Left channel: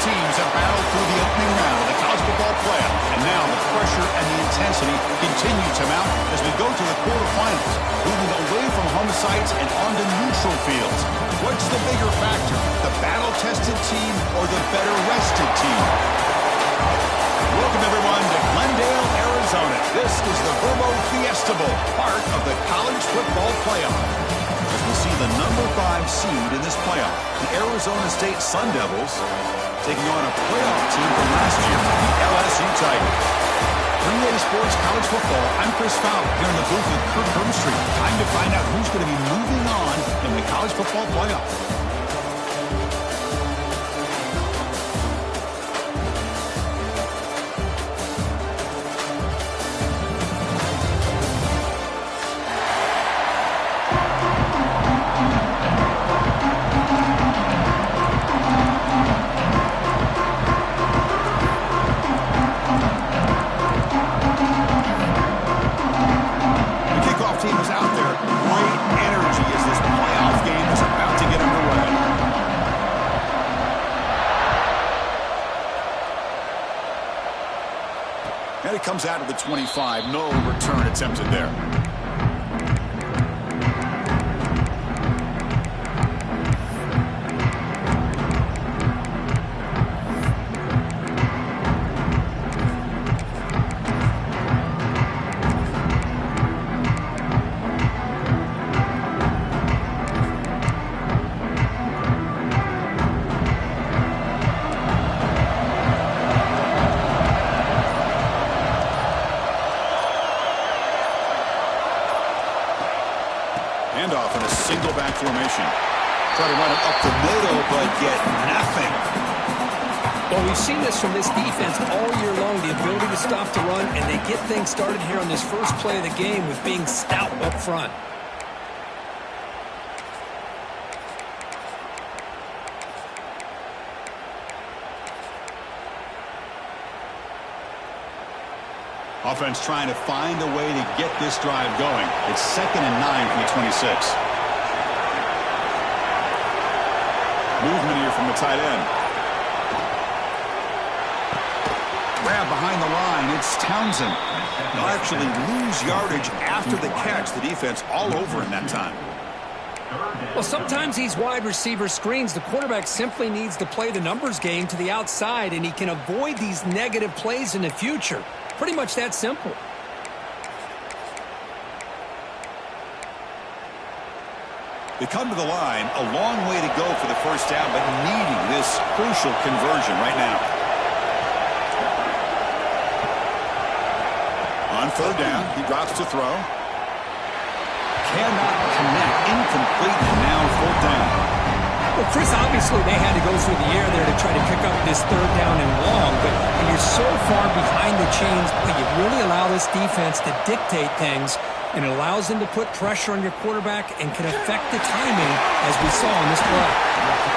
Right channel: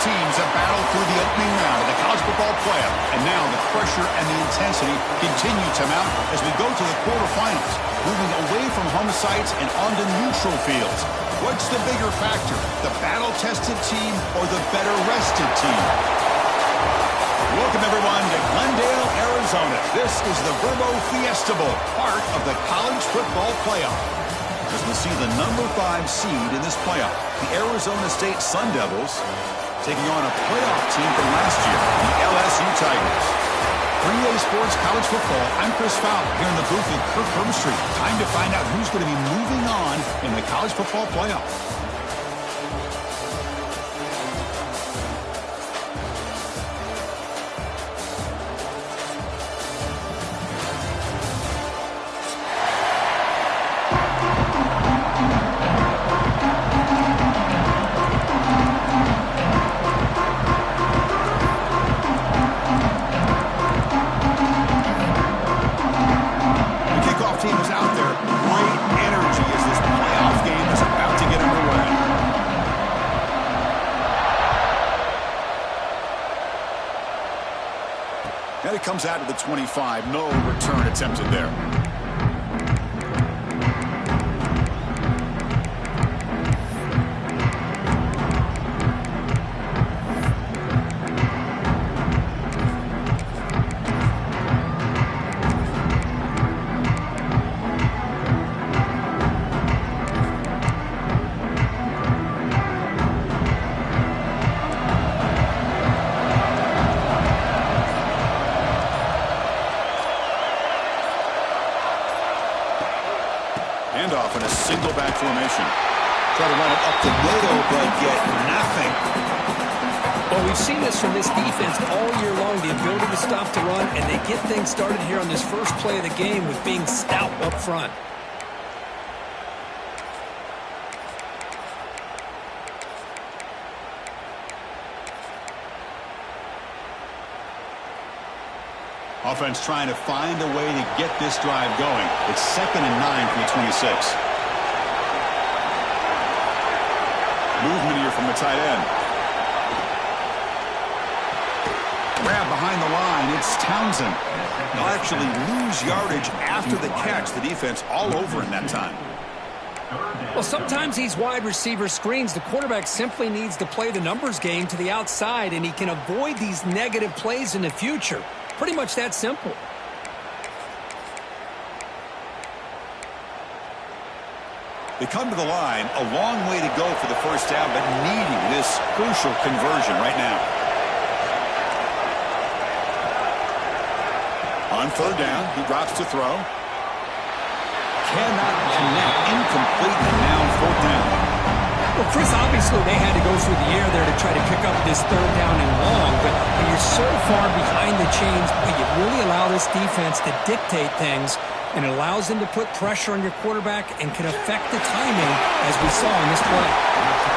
teams have battled through the opening round of the college football playoff, and now the pressure and the intensity continue to mount as we go to the quarterfinals, moving away from home sites and onto neutral fields. What's the bigger factor, the battle-tested team or the better-rested team? Welcome, everyone, to Glendale, Arizona. This is the Verbo Fiesta Bowl, part of the college football playoff. As we'll see the number 5 seed in this playoff, the Arizona State Sun Devils, taking on a playoff team from last year, the LSU Tigers. 3A Sports College Football, I'm Chris Fowler, here in the booth with Kirk Herbstreit. Time to find out who's going to be moving on in the college football playoff. And it comes out of the 25. No return attempted there. Handoff in a single back formation. Try to run it up the middle, but get nothing. Well, we've seen this from this defense all year long, the ability to stop the run, and they get things started here on this first play of the game with being stout up front. Offense trying to find a way to get this drive going. It's 2nd and 9 from the 26. Movement here from the tight end. Grab behind the line. It's Townsend. They'll actually lose yardage after the catch. The defense all over him that time. Well, sometimes these wide receiver screens, the quarterback simply needs to play the numbers game to the outside, and he can avoid these negative plays in the future. Pretty much that simple. They come to the line, a long way to go for the first down, but needing this crucial conversion right now. On 3rd down, he drops to throw. Cannot connect, incomplete, and now 4th down. Well, Chris, obviously they had to go through the air there to try to pick up this 3rd down and long, but when you're so far behind the chains, you really allow this defense to dictate things, and it allows them to put pressure on your quarterback and can affect the timing, as we saw in this play.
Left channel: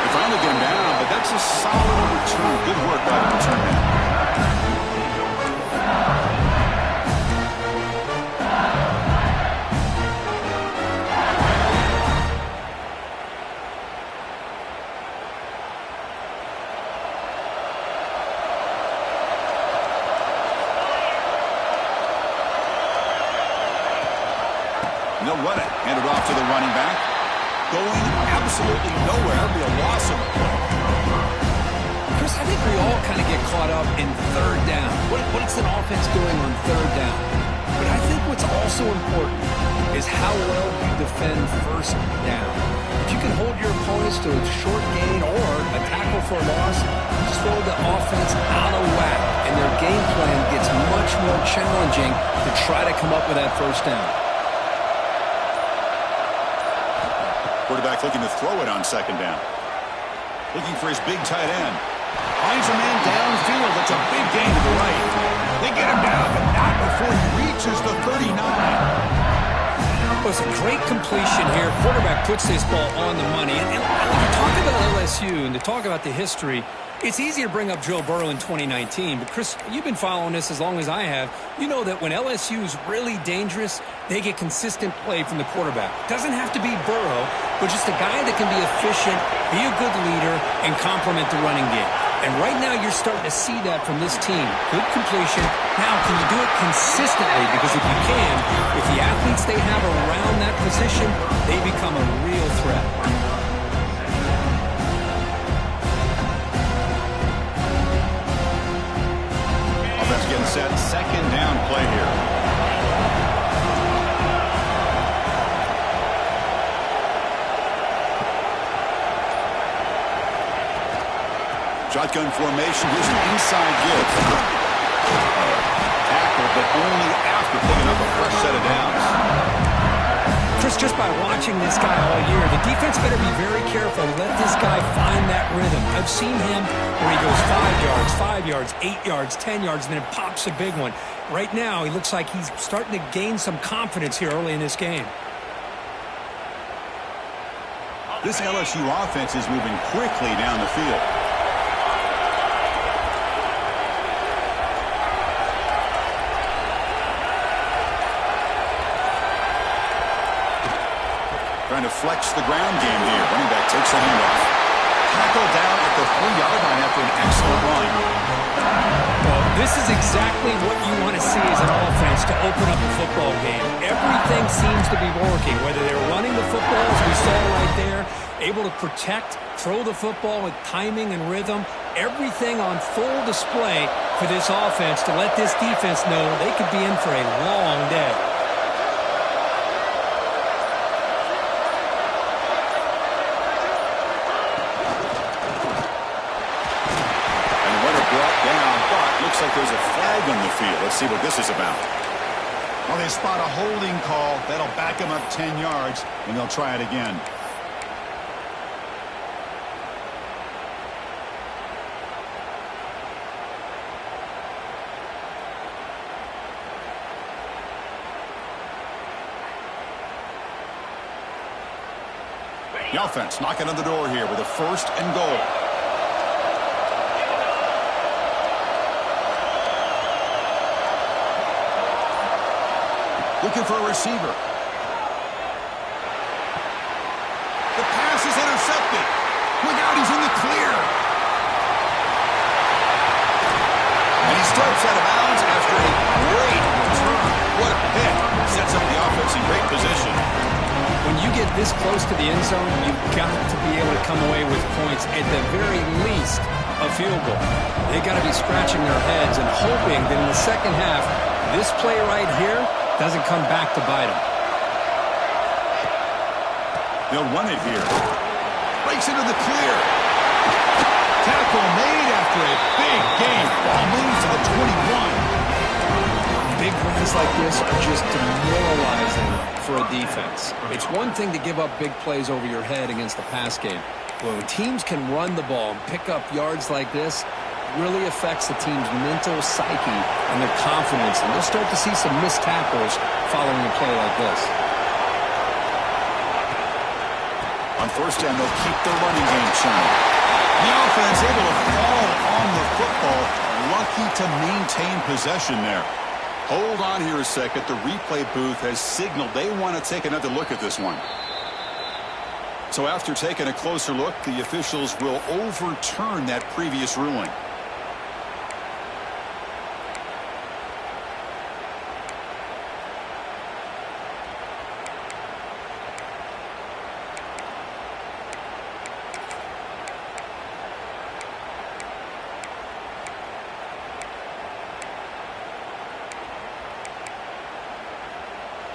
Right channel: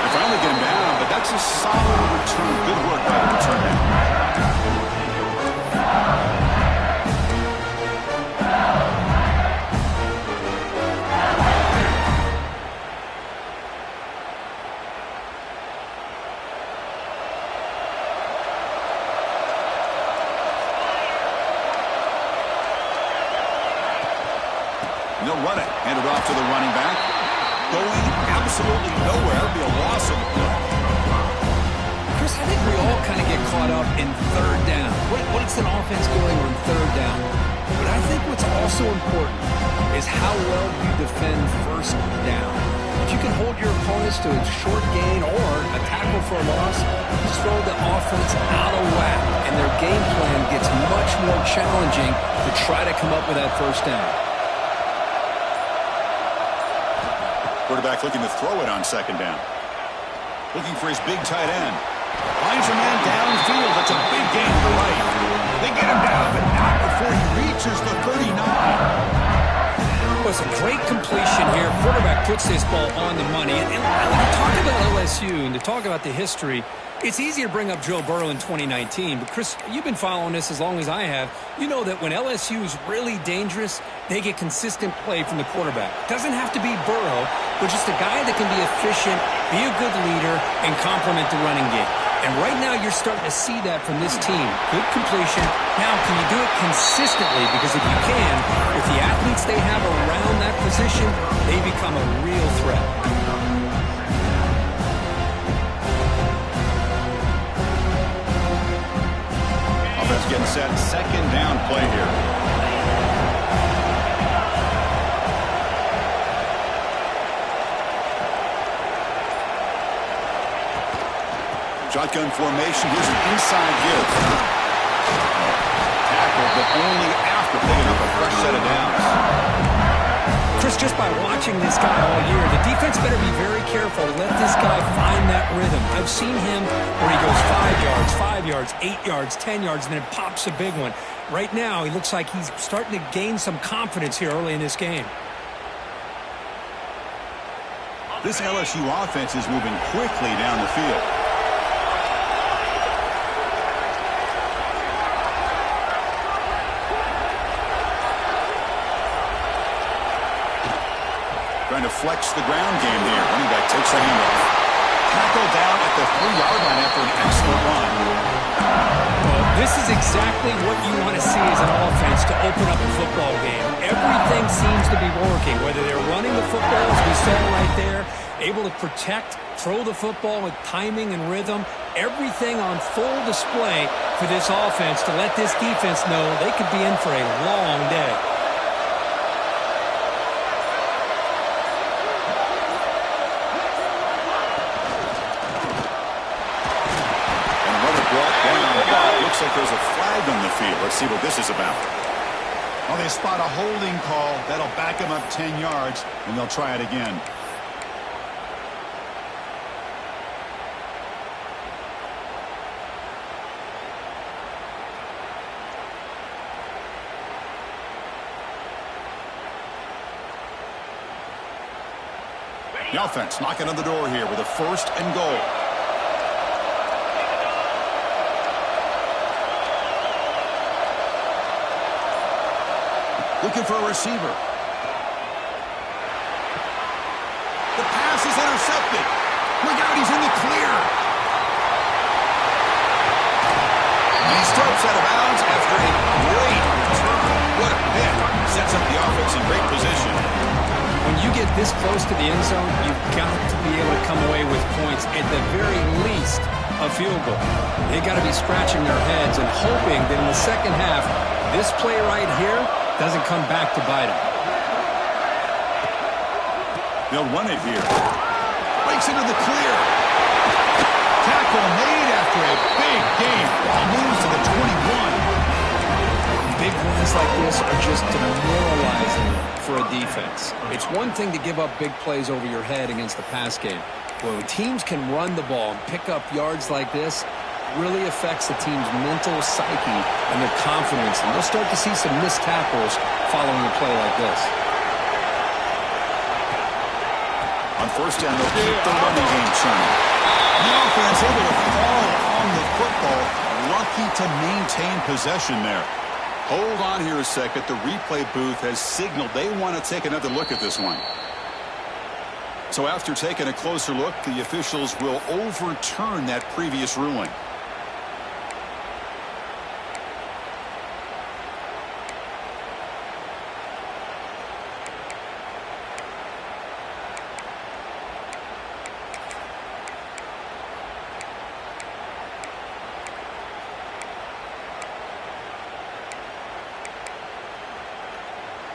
They finally get him down, but that's a solid return. Good work by the return man. And they'll run it. Hand it off to the running back. Going absolutely nowhere. It'll be a loss on the play. Chris, I think we all kind of get caught up in 3rd down. What's an offense doing on 3rd down? But I think what's also important is how well you defend 1st down. If you can hold your opponents to a short gain or a tackle for a loss, you throw the offense out of whack, and their game plan gets much more challenging to try to come up with that 1st down. Quarterback looking to throw it on 2nd down. Looking for his big tight end. Finds a man downfield. That's a big gain to the right. They get him down, but not before he reaches the 39. Well, it's a great completion here. Quarterback puts this ball on the money. And when you talk about LSU and to talk about the history, it's easy to bring up Joe Burrow in 2019. But, Chris, you've been following this as long as I have. You know that when LSU is really dangerous, they get consistent play from the quarterback. Doesn't have to be Burrow, but just a guy that can be efficient, be a good leader, and complement the running game. And right now you're starting to see that from this team. Good completion. Now, can you do it consistently? Because if you can, with the athletes they have around that position, they become a real threat. Offense getting set. Second down play here. Shotgun formation. Here's an inside give. Tackle, but only after picking up a fresh set of downs. Chris, just by watching this guy all year, the defense better be very careful to let this guy find that rhythm. I've seen him where he goes 5 yards, 8 yards, 10 yards, and then it pops a big one. Right now, he looks like he's starting to gain some confidence here early in this game. This LSU offense is moving quickly down the field. Trying to flex the ground game here. Running back takes the handoff. Tackle down at the 3-yard line after an excellent run. Well, this is exactly what you want to see as an offense to open up a football game. Everything seems to be working, whether they're running the football, as we saw right there, able to protect, throw the football with timing and rhythm, everything on full display for this offense to let this defense know they could be in for a long day. Brought down, but looks like there's a flag on the field. Let's see what this is about. Well, they spot a holding call. That'll back them up 10 yards, and they'll try it again. The offense knocking on the door here with a 1st and goal. Looking for a receiver. The pass is intercepted. Look out, he's in the clear. And he steps out of bounds after a great return. What a hit. Sets up the offense in great position. When you get this close to the end zone, you've got to be able to come away with points, at the very least, a field goal. They got to be scratching their heads and hoping that in the second half, this play right here doesn't come back to bite him. They'll run it here. Breaks into the clear. Tackle made after a big game. Ball moves to the 21. Big runs like this are just demoralizing for a defense. It's one thing to give up big plays over your head against the pass game. But when teams can run the ball and pick up yards like this, really affects the team's mental psyche and their confidence, and they'll start to see some missed tackles following a play like this. On 1st down, they'll keep the running game churning. The offense able to fall on the football, lucky to maintain possession there. Hold on here a second. The replay booth has signaled they want to take another look at this one. So after taking a closer look, the officials will overturn that previous ruling.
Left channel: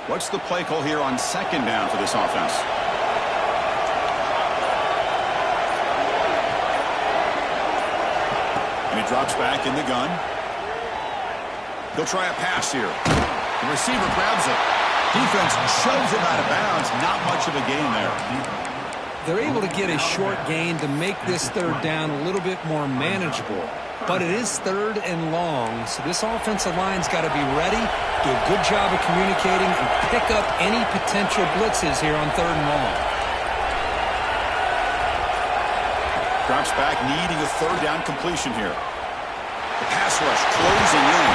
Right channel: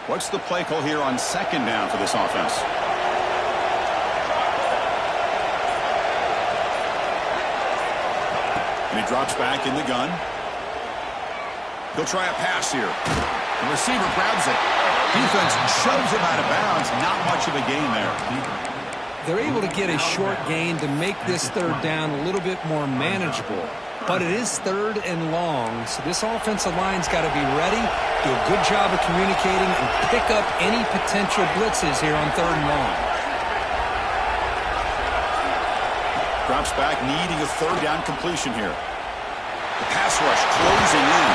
What's the play call here on 2nd down for this offense? And he drops back in the gun. He'll try a pass here. The receiver grabs it. Defense shoves him out of bounds. Not much of a gain there. They're able to get a short gain to make this 3rd down a little bit more manageable. But it is 3rd and long, so this offensive line's got to be ready, do a good job of communicating, and pick up any potential blitzes here on 3rd and long. Drops back, needing a 3rd down completion here. The pass rush closing in.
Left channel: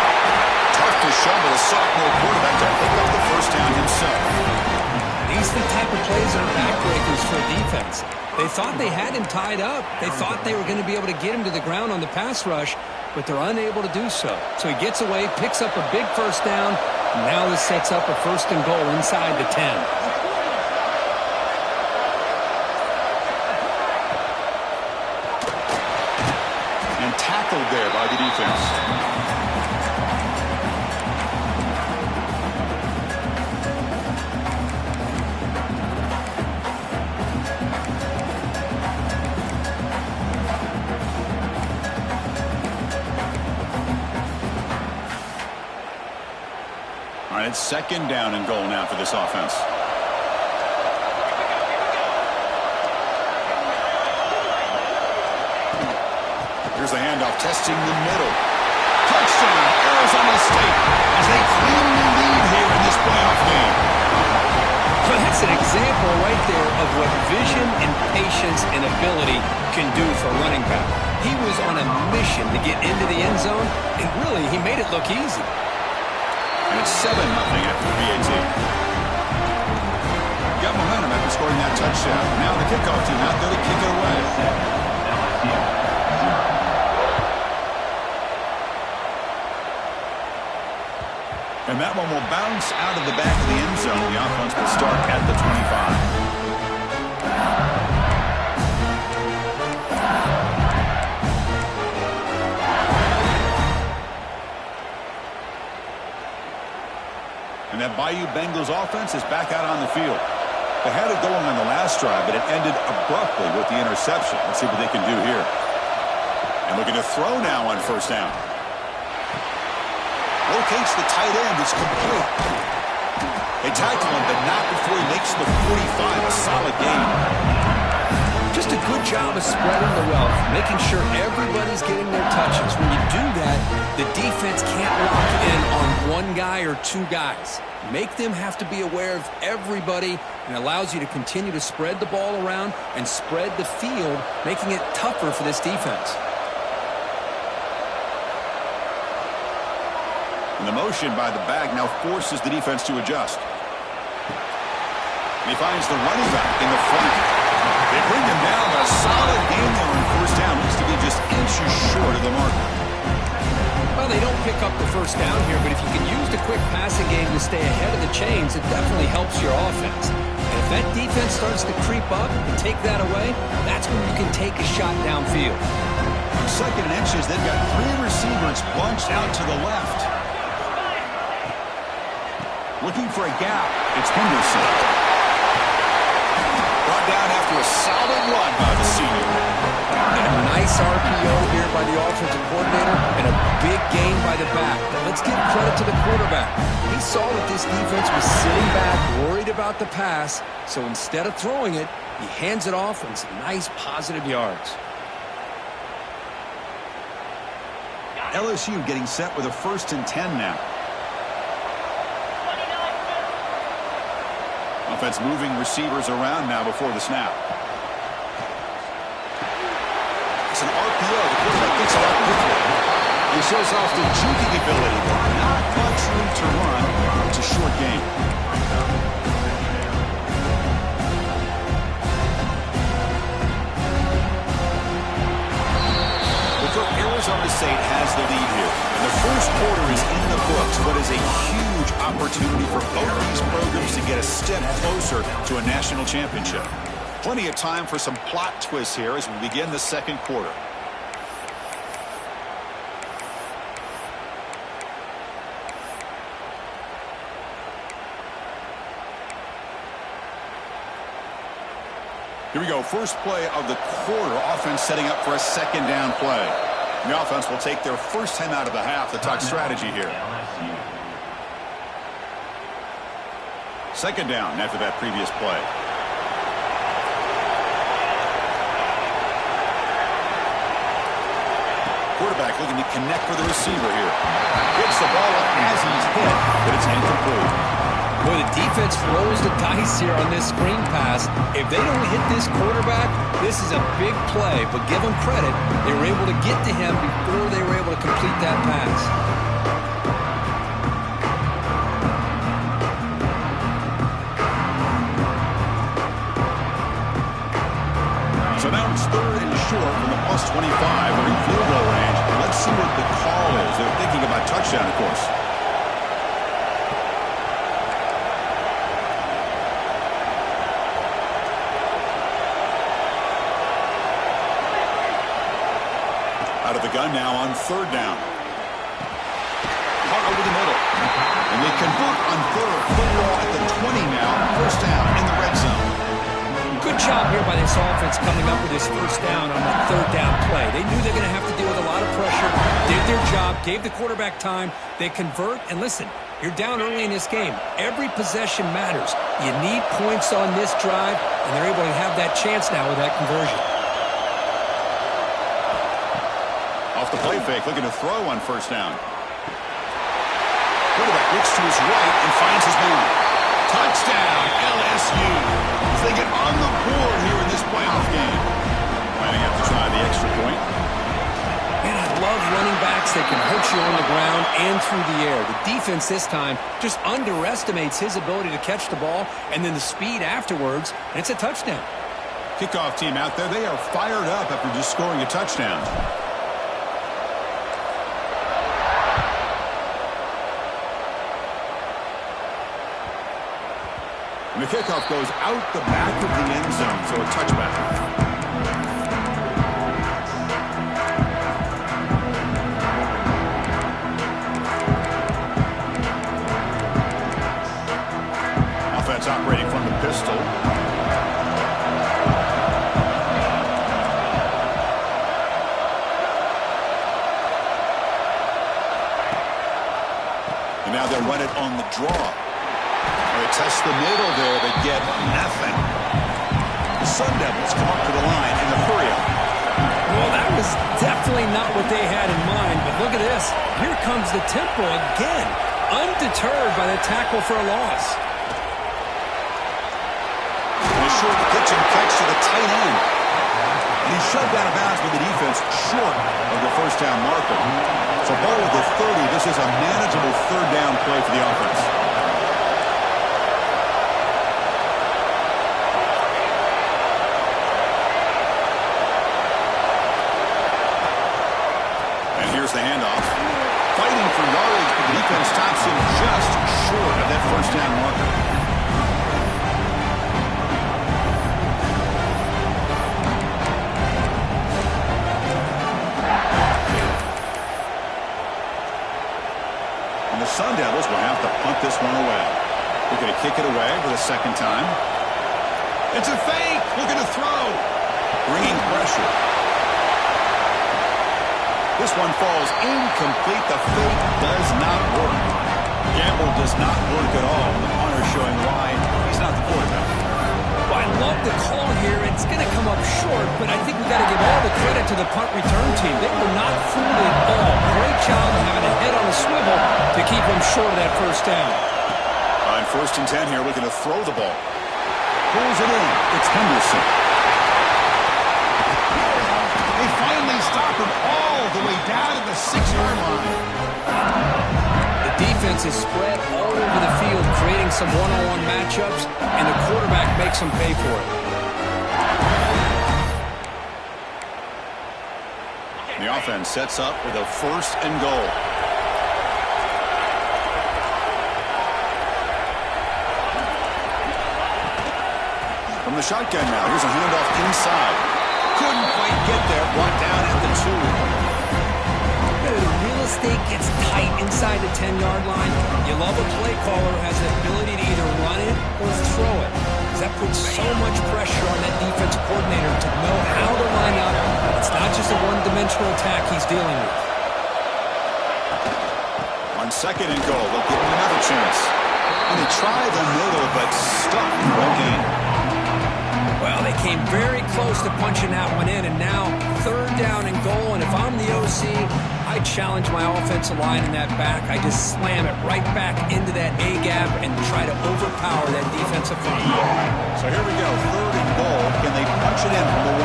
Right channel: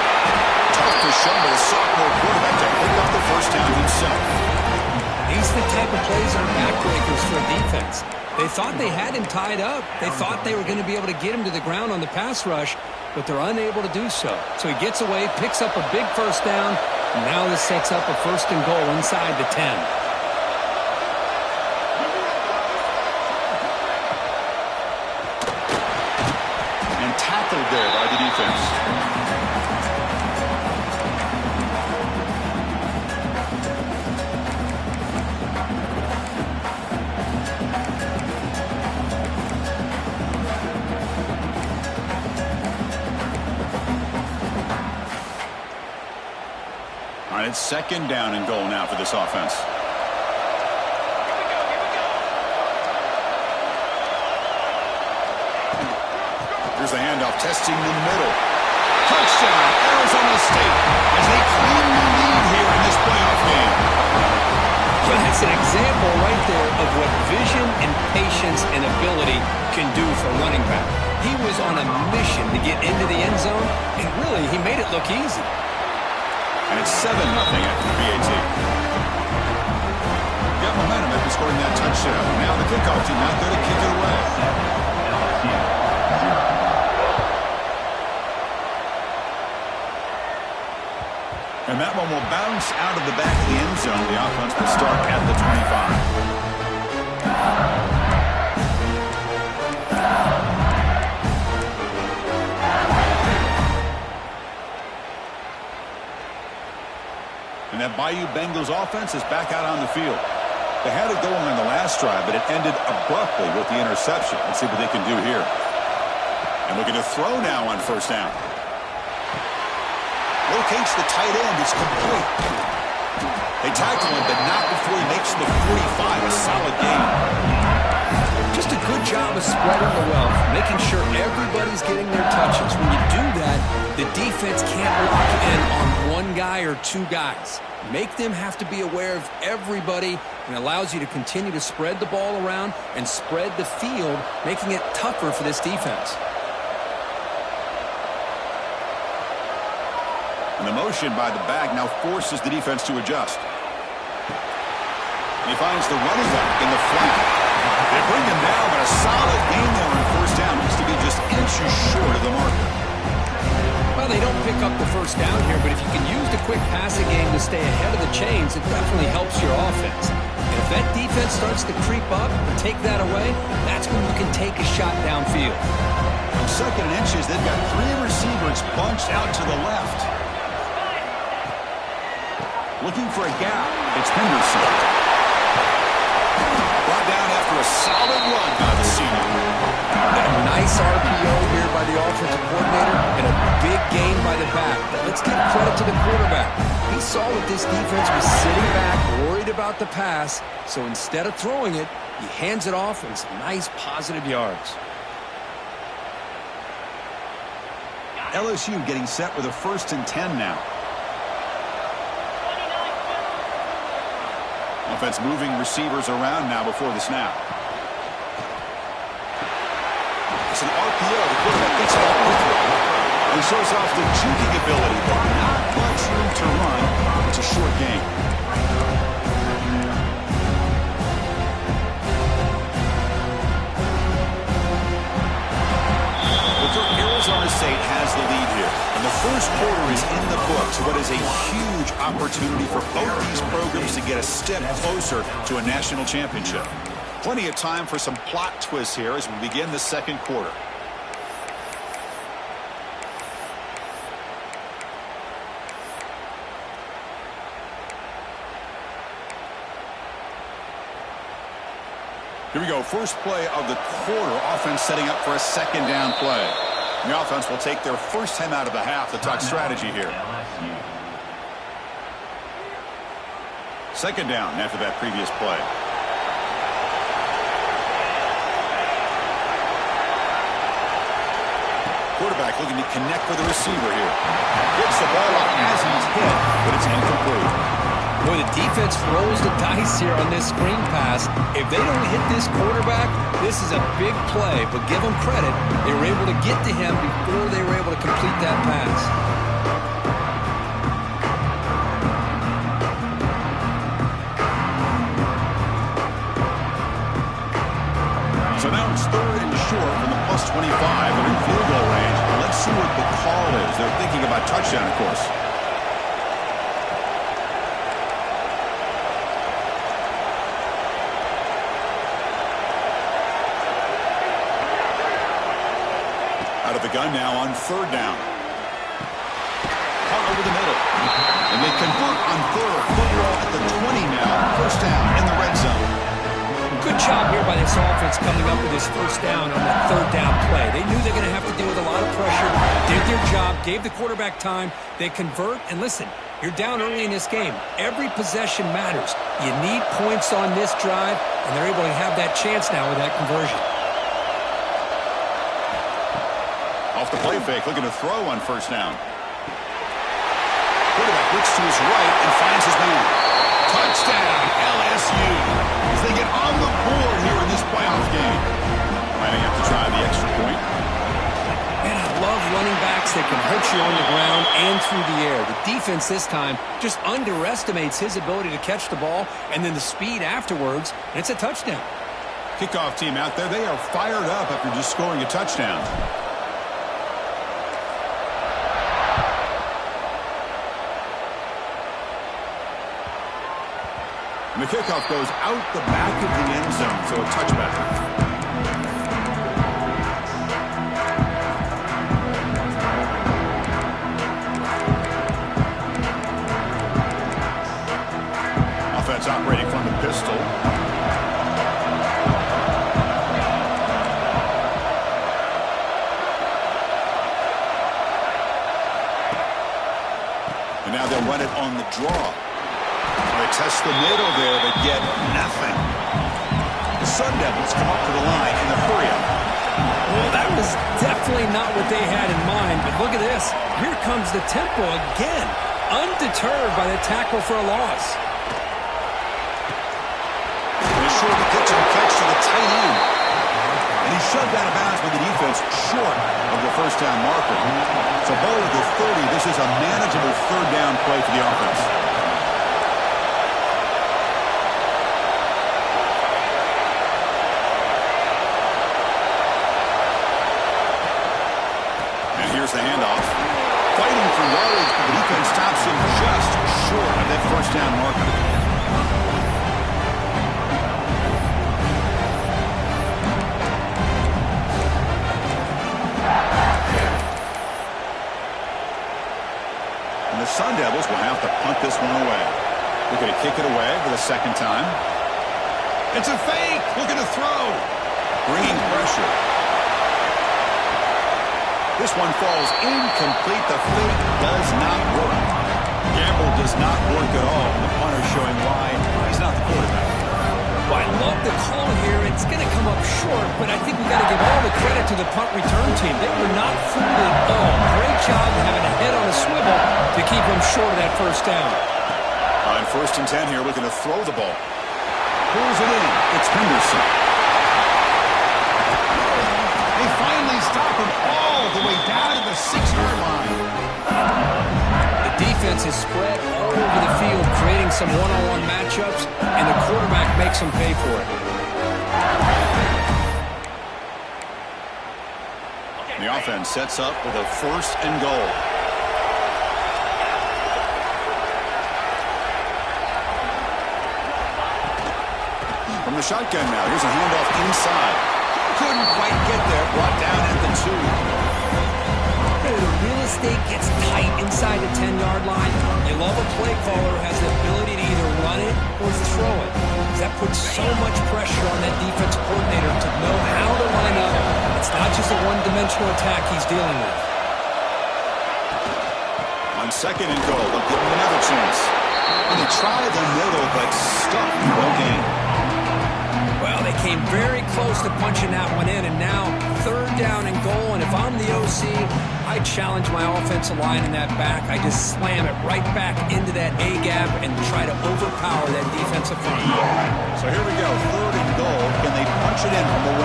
Tough to show, but a sophomore quarterback to pick up the 1st down himself. These are the type of plays that are backbreakers for a defense. They thought they had him tied up. They thought they were going to be able to get him to the ground on the pass rush, but they're unable to do so. So he gets away, picks up a big first down, and now this sets up a 1st and goal inside the 10. And tackled there by the defense. All right, it's 2nd down and goal now for this offense. Here's the handoff, testing the middle. Touchdown, Arizona State, as they claim the lead here in this playoff game. Well, that's an example right there of what vision and patience and ability can do for a running back. He was on a mission to get into the end zone, and really, he made it look easy. And it's 7-0 after the PAT. Got momentum after scoring that touchdown. Now the kickoff team out there to kick it away. And that one will bounce out of the back of the end zone. The offense will start at the 25. And that Bayou Bengals offense is back out on the field. They had it going on the last drive, but it ended abruptly with the interception. Let's see what they can do here. And looking to throw now on 1st down. Locates the tight end. It's complete. They tackle him, but not before he makes the 45. A solid gain. Just a good job of spreading the wealth, making sure everybody's getting their touches. When you do that, the defense can't lock in on one guy or 2 guys. Make them have to be aware of everybody, and allows you to continue to spread the ball around and spread the field, making it tougher for this defense. And the motion by the back now forces the defense to adjust. And he finds the running back in the flat. They bring him down, but a solid gain there on 1st down. Looks to be just inches short of the marker. Well, they don't pick up the 1st down here, but if you can use the quick passing game to stay ahead of the chains, it definitely helps your offense. And if that defense starts to creep up and take that away, that's when you can take a shot downfield. On 2nd and inches, they've got 3 receivers bunched out to the left. Looking for a gap. It's Henderson. Brought down after a solid run by the senior. A nice RPO here by the offensive coordinator and a big gain by the back. But let's give credit to the quarterback. He saw that this defense was sitting back, worried about the pass. So instead of throwing it, he hands it off and some nice positive yards. LSU getting set with a 1st and 10 now. Offense moving receivers around now before the snap. It's an RPO. The quarterback gets it up quickly. He shows off the juking ability, but not much room to run. It's a short gain. Arizona State has the lead here. And the 1st quarter is in the books. What is a huge opportunity for both these programs to get a step closer to a national championship. Plenty of time for some plot twists here as we begin the 2nd quarter. Here we go. First play of the quarter. Offense setting up for a 2nd down play. The offense will take their 1st time out of the half to talk strategy here. 2nd down after that previous play. Quarterback looking to connect with the receiver here. Gets the ball up as he's hit, but it's incomplete. Boy, the defense rolls the dice here on this screen pass. If they don't hit this quarterback, this is a big play. But give them credit. They were able to get to him before they were able to complete that pass. So now it's 3rd and short from the +25. They're in field goal range. Let's see what the call is. They're thinking about touchdown, of course. Out of the gun now on 3rd down. Caught over the middle. And they convert on 3rd. Football at the 20 now. 1st down in the red zone. Good job here by this offense coming up with this 1st down on that 3rd down play. They knew they're going to have to deal with a lot of pressure, did their job, gave the quarterback time. They convert, and listen, you're down early in this game. Every possession matters. You need points on this drive, and they're able to have that chance now with that conversion. Off the play fake, looking to throw on 1st down. Quarterback looks to his right and finds his man. Touchdown, LSU. As they get on the board here in this playoff game. Might have to try the extra point. Man, I love running backs that can hurt you on the ground and through the air. The defense this time just underestimates his ability to catch the ball, and then the speed afterwards, and it's a touchdown. Kickoff team out there, they are fired up after just scoring a touchdown. And the kickoff goes out the back of the end zone, so a touchback. Offense operating from the pistol. And now they'll run it on the draw. They test the middle there, but get nothing. The Sun Devils come up to the line in a hurry-up. Well, that was definitely not what they had in mind, but look at this. Here comes the tempo again, undeterred by the tackle for a loss. They short the pitch and catch to the tight end. And he's shoved out of bounds with the defense short of the 1st down marker. So ball at the 30, this is a manageable 3rd down play for the offense. Here's the handoff. Fighting for yardage, but the defense stops him just short of that 1st down marker. And the Sun Devils will have to punt this one away. Looking to kick it away for the 2nd time. It's a fake. Looking to throw. Bringing pressure. This one falls incomplete. The fake does not work. Gamble does not work at all. The punter showing why he's not the quarterback. Well, I love the call here. It's going to come up short, but I think we got to give all the credit to the punt return team. They were not fooled at all. Great job having a head on a swivel to keep them short of that 1st down. On 1st and 10 here, looking to throw the ball. Pulls it in. It's Henderson. They finally stop him all the way down to the 6-yard line. The defense is spread all over the field, creating some one-on-one matchups, and the quarterback makes them pay for it. The offense sets up with a 1st and goal. From the shotgun now, here's a handoff inside. Couldn't quite get there. Brought down at the 2. The real estate gets tight inside the 10-yard line. You love a play caller who has the ability to either run it or throw it. That puts so much pressure on that defensive coordinator to know how to line up. It's not just a one-dimensional attack he's dealing with. On 2nd and goal, they'll give him another chance. And they try the middle, but stuck. No gain. Well, they came very close to punching that one in, and now 3rd down and goal. And if I'm the OC, I challenge my offensive line in that back. I just slam it right back into that A-gap and try to overpower that defensive front. So here we go, 3rd and goal. Can they punch it in from the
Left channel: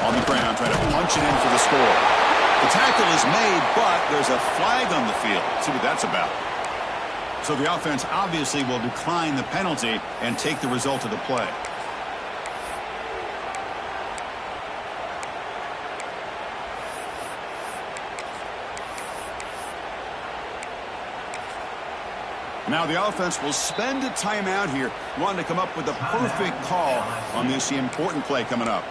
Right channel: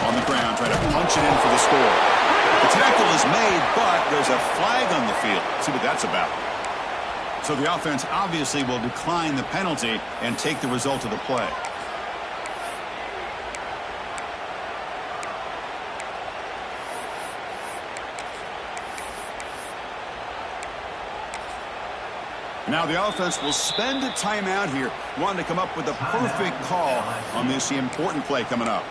1? On the ground, trying to punch it in for the score. The tackle is made, but there's a flag on the field. Let's see what that's about. So the offense obviously will decline the penalty and take the result of the play. Now the offense will spend a timeout here, wanting to come up with the perfect call on this important play coming up.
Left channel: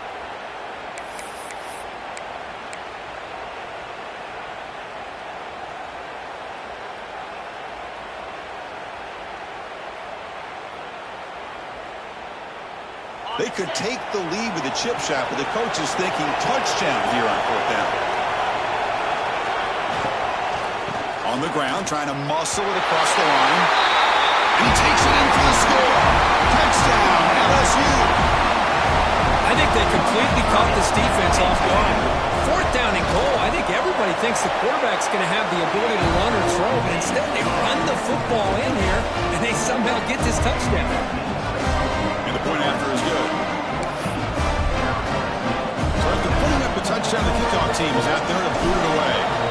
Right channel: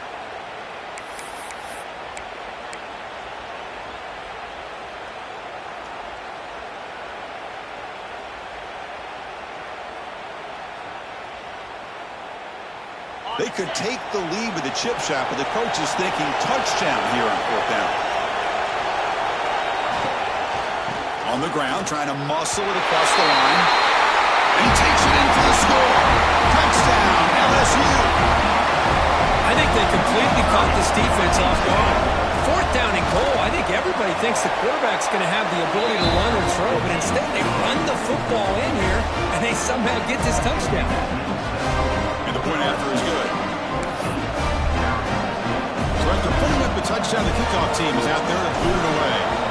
They could take the lead with a chip shot, but the coach is thinking touchdown here on 4th down. On the ground, trying to muscle it across the line. And he takes it in for the score. Touchdown, LSU. I think they completely caught this defense off guard. 4th down and goal. I think everybody thinks the quarterback's going to have the ability to run or throw, but instead they run the football in here, and they somehow get this touchdown. And the point after is good. So after putting up the touchdown, the kickoff team is out there to boot it away.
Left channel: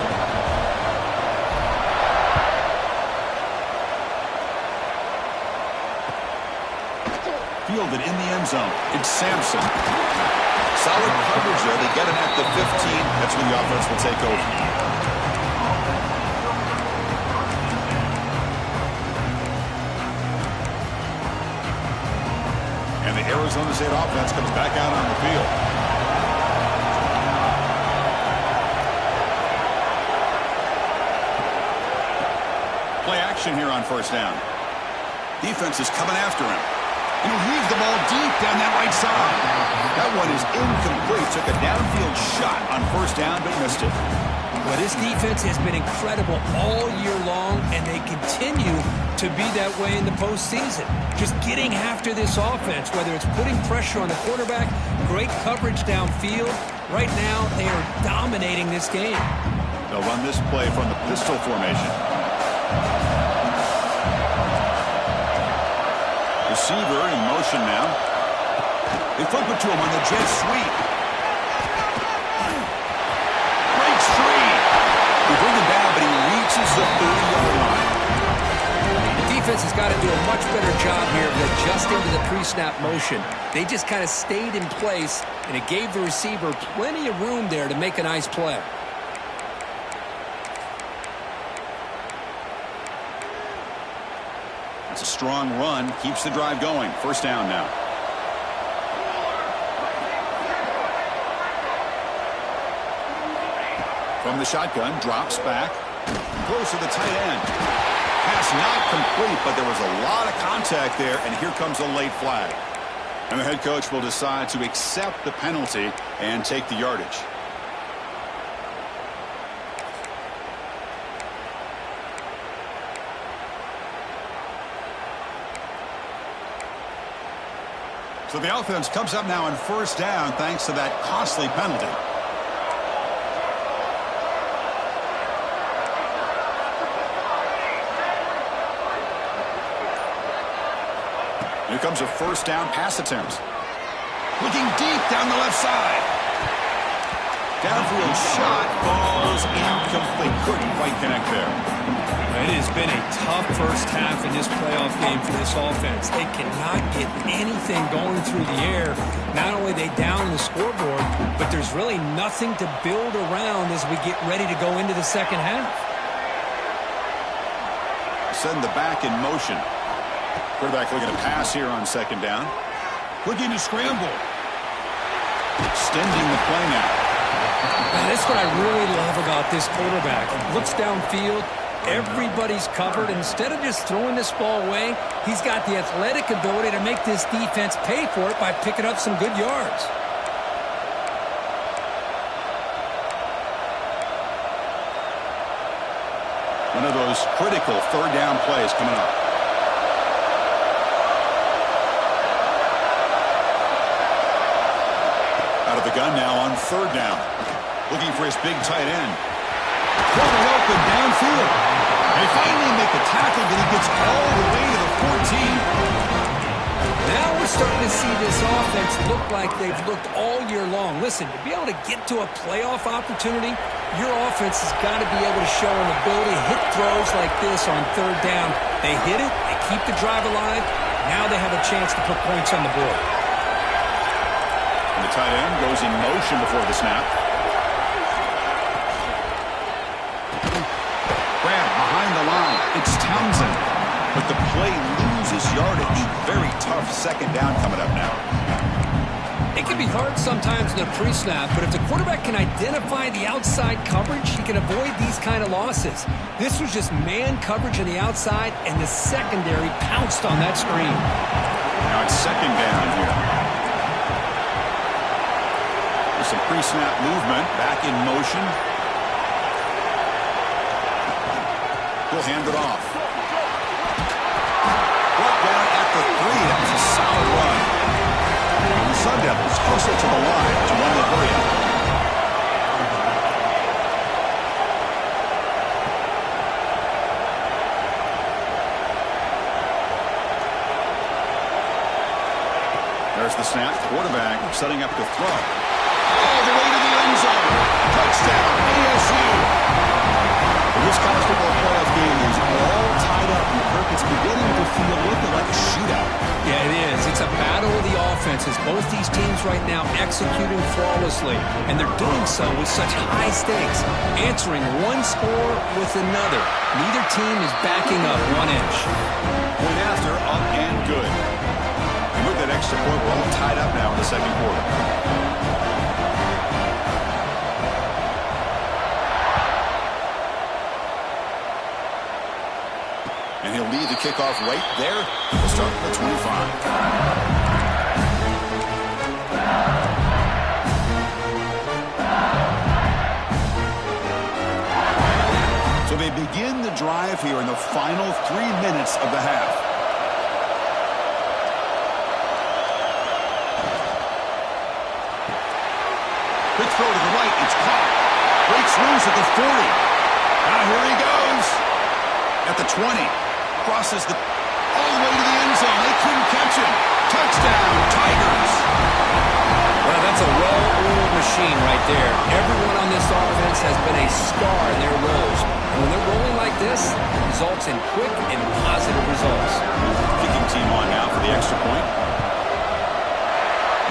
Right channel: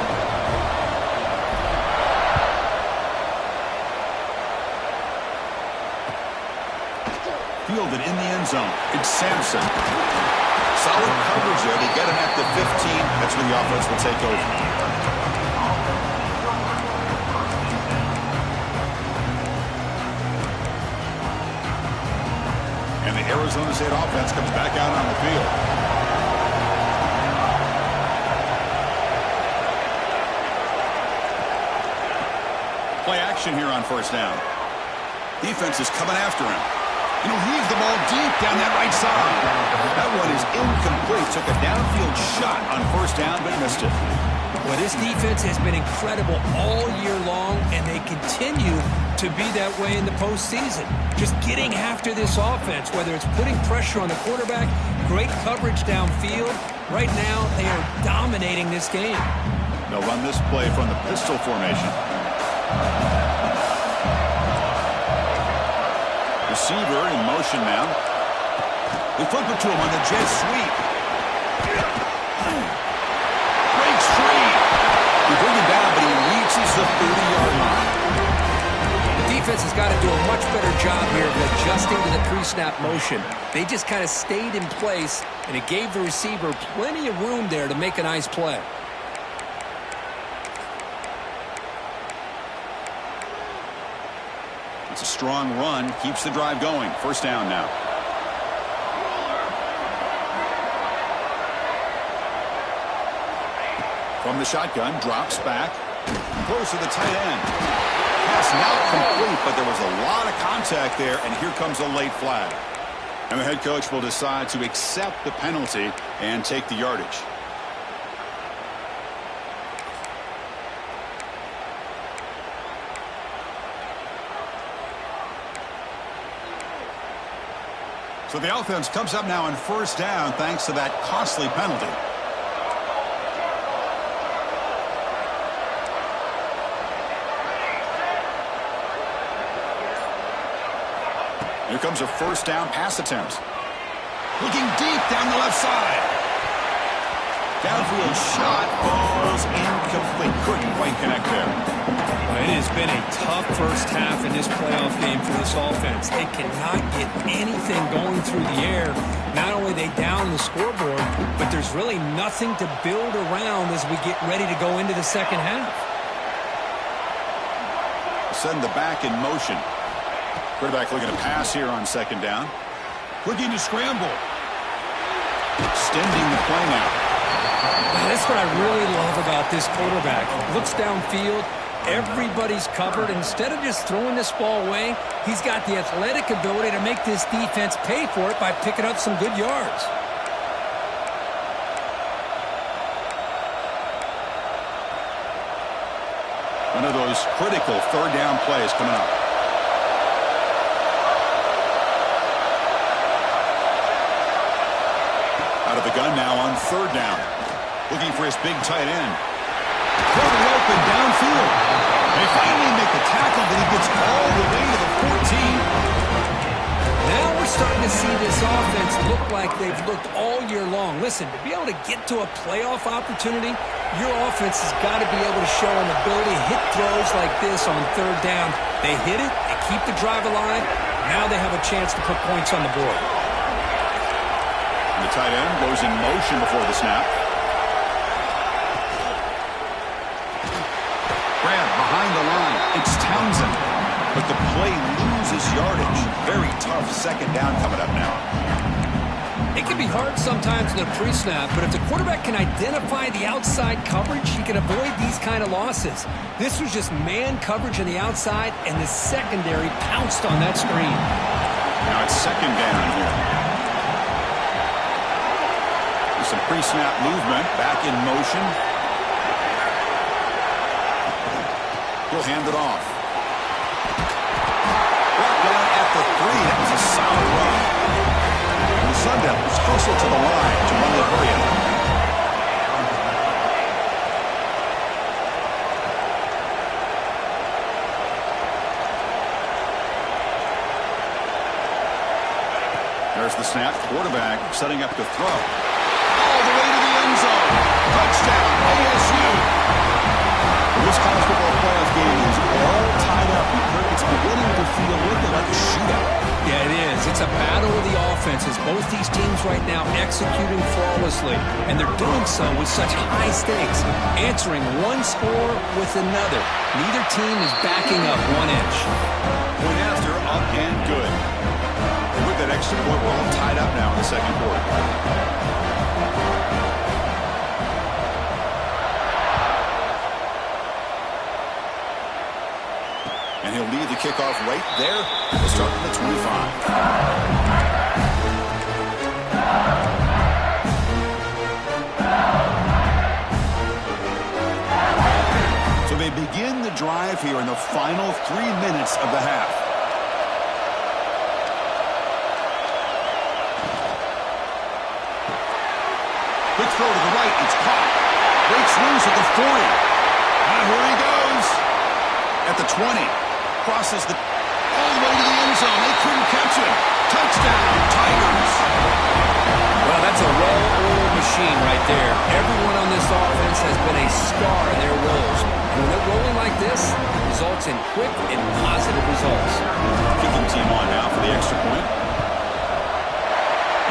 Fielded in the end zone. It's Sampson. Solid coverage there. They get him at the 15. That's where the offense will take over. And the Arizona State offense comes back out on the field. Play action here on 1st down. Defense is coming after him. And he'll leave the ball deep down that right side. That one is incomplete. Took a downfield shot on 1st down, but missed it. Well, this defense has been incredible all year long, and they continue to be that way in the postseason. Just getting after this offense, whether it's putting pressure on the quarterback, great coverage downfield. Right now, they are dominating this game. They'll run this play from the pistol formation. Receiver in motion now. They flip it to him on the jet sweep. Breaks free. They bring him down, but he reaches the 30-yard line. The defense has got to do a much better job here of adjusting to the pre-snap motion. They just kind of stayed in place, and it gave the receiver plenty of room there to make a nice play. That's a strong run. Keeps the drive going. 1st down now. From the shotgun, drops back. Throws to the tight end. Pass not complete, but there was a lot of contact there, and here comes a late flag. And the head coach will decide to accept the penalty and take the yardage. So the offense comes up now on 1st down thanks to that costly penalty. Here comes a 1st down pass attempt. Looking deep down the left side. Downfield shot falls incomplete. Couldn't quite connect there. It has been a tough first half in this playoff game for this offense. They cannot get anything going through the air. Not only are they down the scoreboard, but there's really nothing to build around as we get ready to go into the second half. Send the back in motion. Quarterback looking to pass here on 2nd down. Looking to scramble. Extending the play now. That's what I really love about this quarterback. Looks downfield. Everybody's covered. Instead of just throwing this ball away, he's got the athletic ability to make this defense pay for it by picking up some good yards. One of those critical 3rd down plays coming up. Out of the gun now on 3rd down. Looking for his big tight end. Totally open downfield. They finally make the tackle, but he gets all the way to the 14. Now we're starting to see this offense look like they've looked all year long. Listen, to be able to get to a playoff opportunity, Your offense has got to be able to show an ability to hit throws like this on third down. They hit it, they keep the drive alive. Now they have a chance to put points on the board. And the tight end goes in motion before the snap. Grab behind the line. It's Townsend. But the play loses yardage. Very tough second down coming up now. It can be hard sometimes in a pre-snap, but if the quarterback can identify the outside coverage, he can avoid these kind of losses. This was just man coverage on the outside, and the secondary pounced on that screen. Now it's second down here. There's some pre-snap movement, back in motion. He'll hand it off. Brought down at the 3. That was a solid run. And the Sun Devils hustle to the line to run the hurry-up. There's the snap. Quarterback setting up to throw. All the way to the end zone. Touchdown, ASU. This college football playoff game is all tied up. Kirk, it's beginning to feel looking like a shootout. Yeah, it is. It's a battle of the offenses. Both these teams right now executing flawlessly, and they're doing so with such high stakes, answering one score with another. Neither team is backing up 1 inch. Point after, up and good. And with that extra point, we're all tied up now in the second quarter. And he'll lead the kickoff right there. We'll start from the 25. So they begin the drive here in the final 3 minutes of the half. Quick throw to the right. It's caught. Breaks loose at the 40. Now here he goes. At the 20. Crosses the all the way to the end zone. They couldn't catch him. Touchdown, Tigers. Well, that's a well-oiled machine right there. Everyone on this offense has been a star in their roles. And when they're rolling like this, it results in quick and positive results. Kicking team on now for the extra point.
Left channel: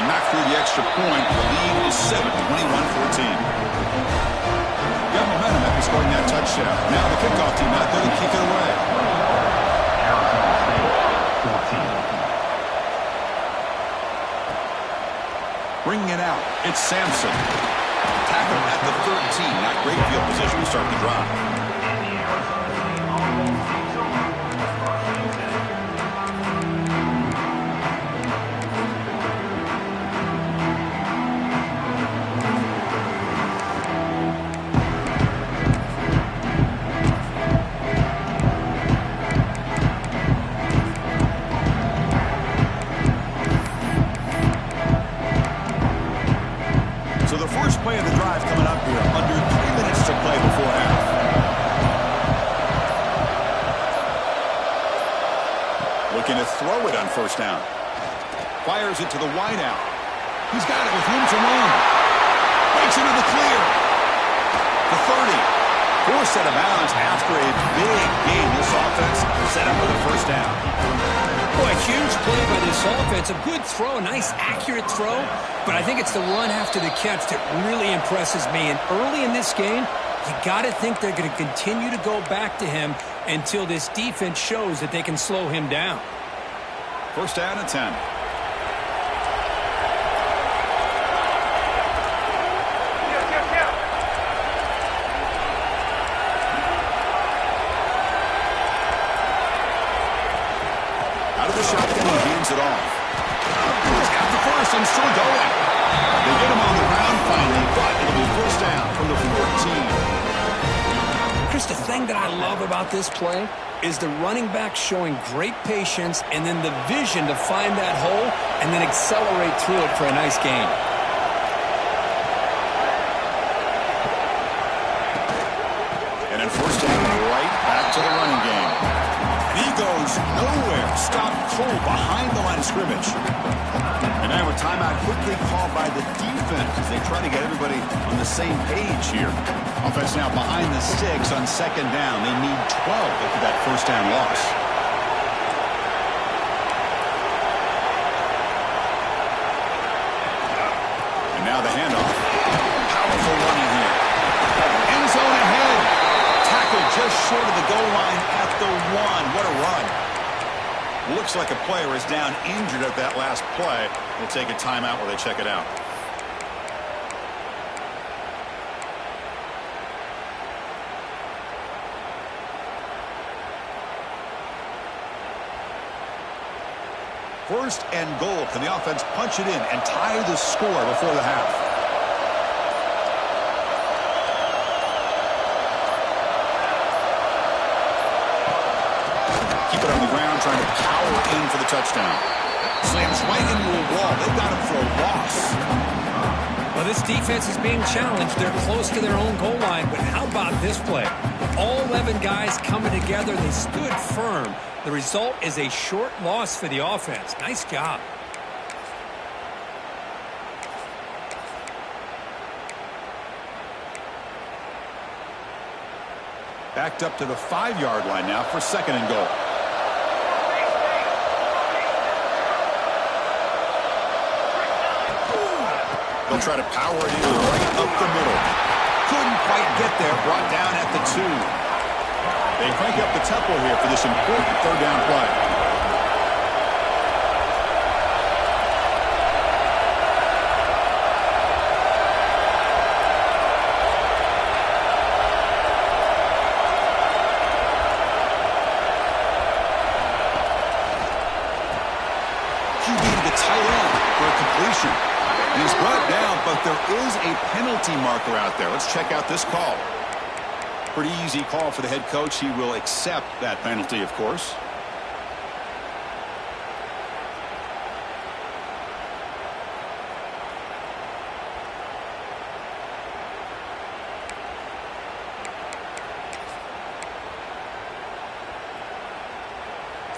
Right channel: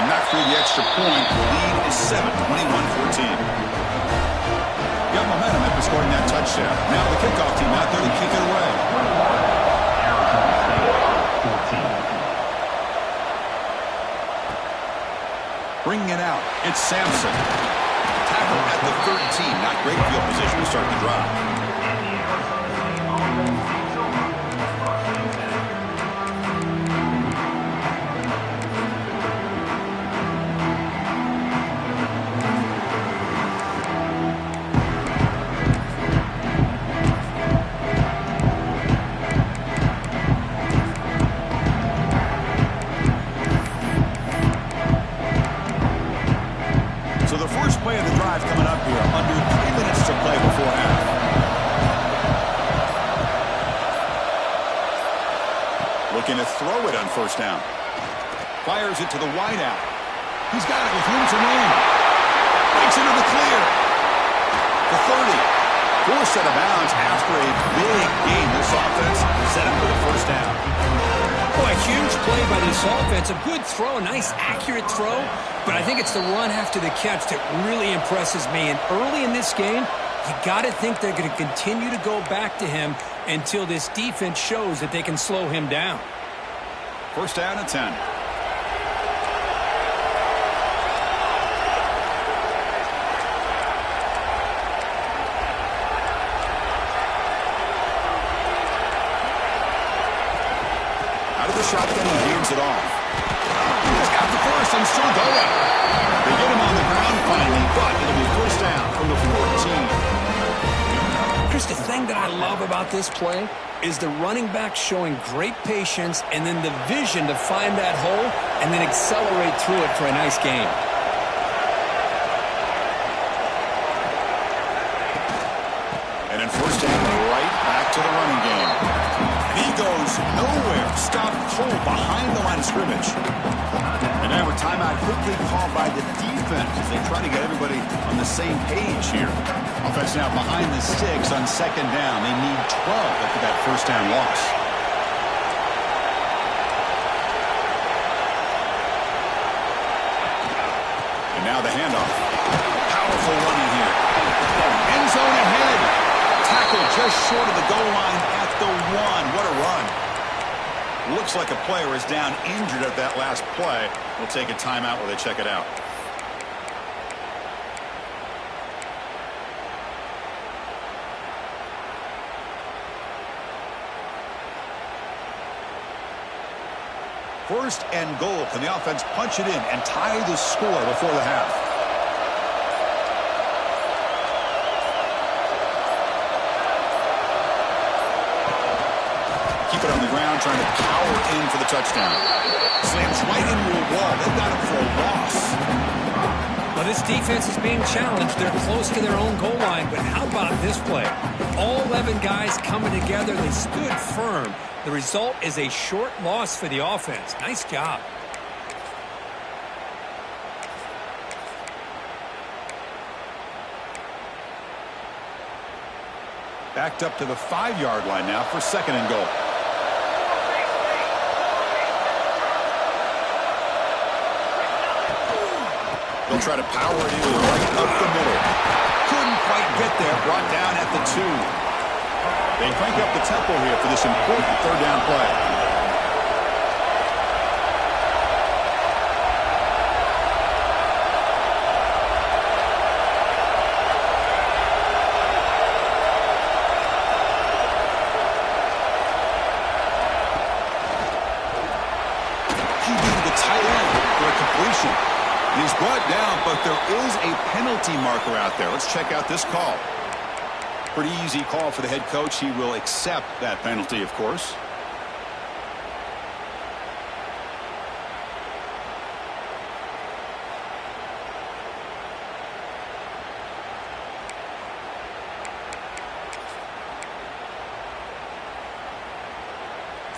And knocked through the extra point. The lead is 7, 21-14. Got momentum after scoring that touchdown. Now the kickoff team out there to kick it away. Arizona State, 14. Bringing it out, it's Sampson. Tackle at the 13. Not great field position to start the drive. Play of the drive coming up here. Under 3 minutes to play before half. Looking to throw it on first down. Fires it to the wideout. He's got it with room to run. Breaks into the clear. The 30. Forced out of bounds after a big game. This offense set up for the first down. Boy, a huge play by this offense. A good throw, a nice accurate throw. But I think it's the run after the catch that really impresses me. And early in this game, you got to think they're going to continue to go back to him until this defense shows that they can slow him down. First down and 10. Out of the shotgun, he hands it off. He's got the first and still going. They get him on the ground finally, but it'll be first down from the 14. Chris, the thing that I love about this play is the running back showing great patience and then the vision to find that hole and then accelerate through it for a nice gain. And then first down, right back to the running game. And he goes nowhere. Stopped cold behind the line of scrimmage. And now a timeout quickly called by the defense as they try to get everybody on the same page here. Offense now behind the 6 on second down. They need 12 after that first down loss. And now the handoff. Powerful running here. End zone ahead. Tackle just short of the goal line at the 1. What a run. Looks like a player is down injured at that last play. We'll take a timeout while they check it out. First and goal. Can the offense punch it in and tie the score before the half? Keep it on the ground, trying to power in for the touchdown. Slams right into a wall. They've got him for a loss. Well, this defense is being challenged. They're close to their own goal line, but how about this play? All 11 guys coming together. They stood firm. The result is a short loss for the offense. Nice job. Backed up to the 5-yard line now for second and goal. They'll try to power it in right up the middle. Couldn't quite get there. Brought down at the 2. They crank up the tempo here for this important third down play. QB to the tight end for a completion. And he's brought down, but there is a penalty marker out there. Let's check out this call. Pretty easy call for the head coach. He will accept that penalty, of course.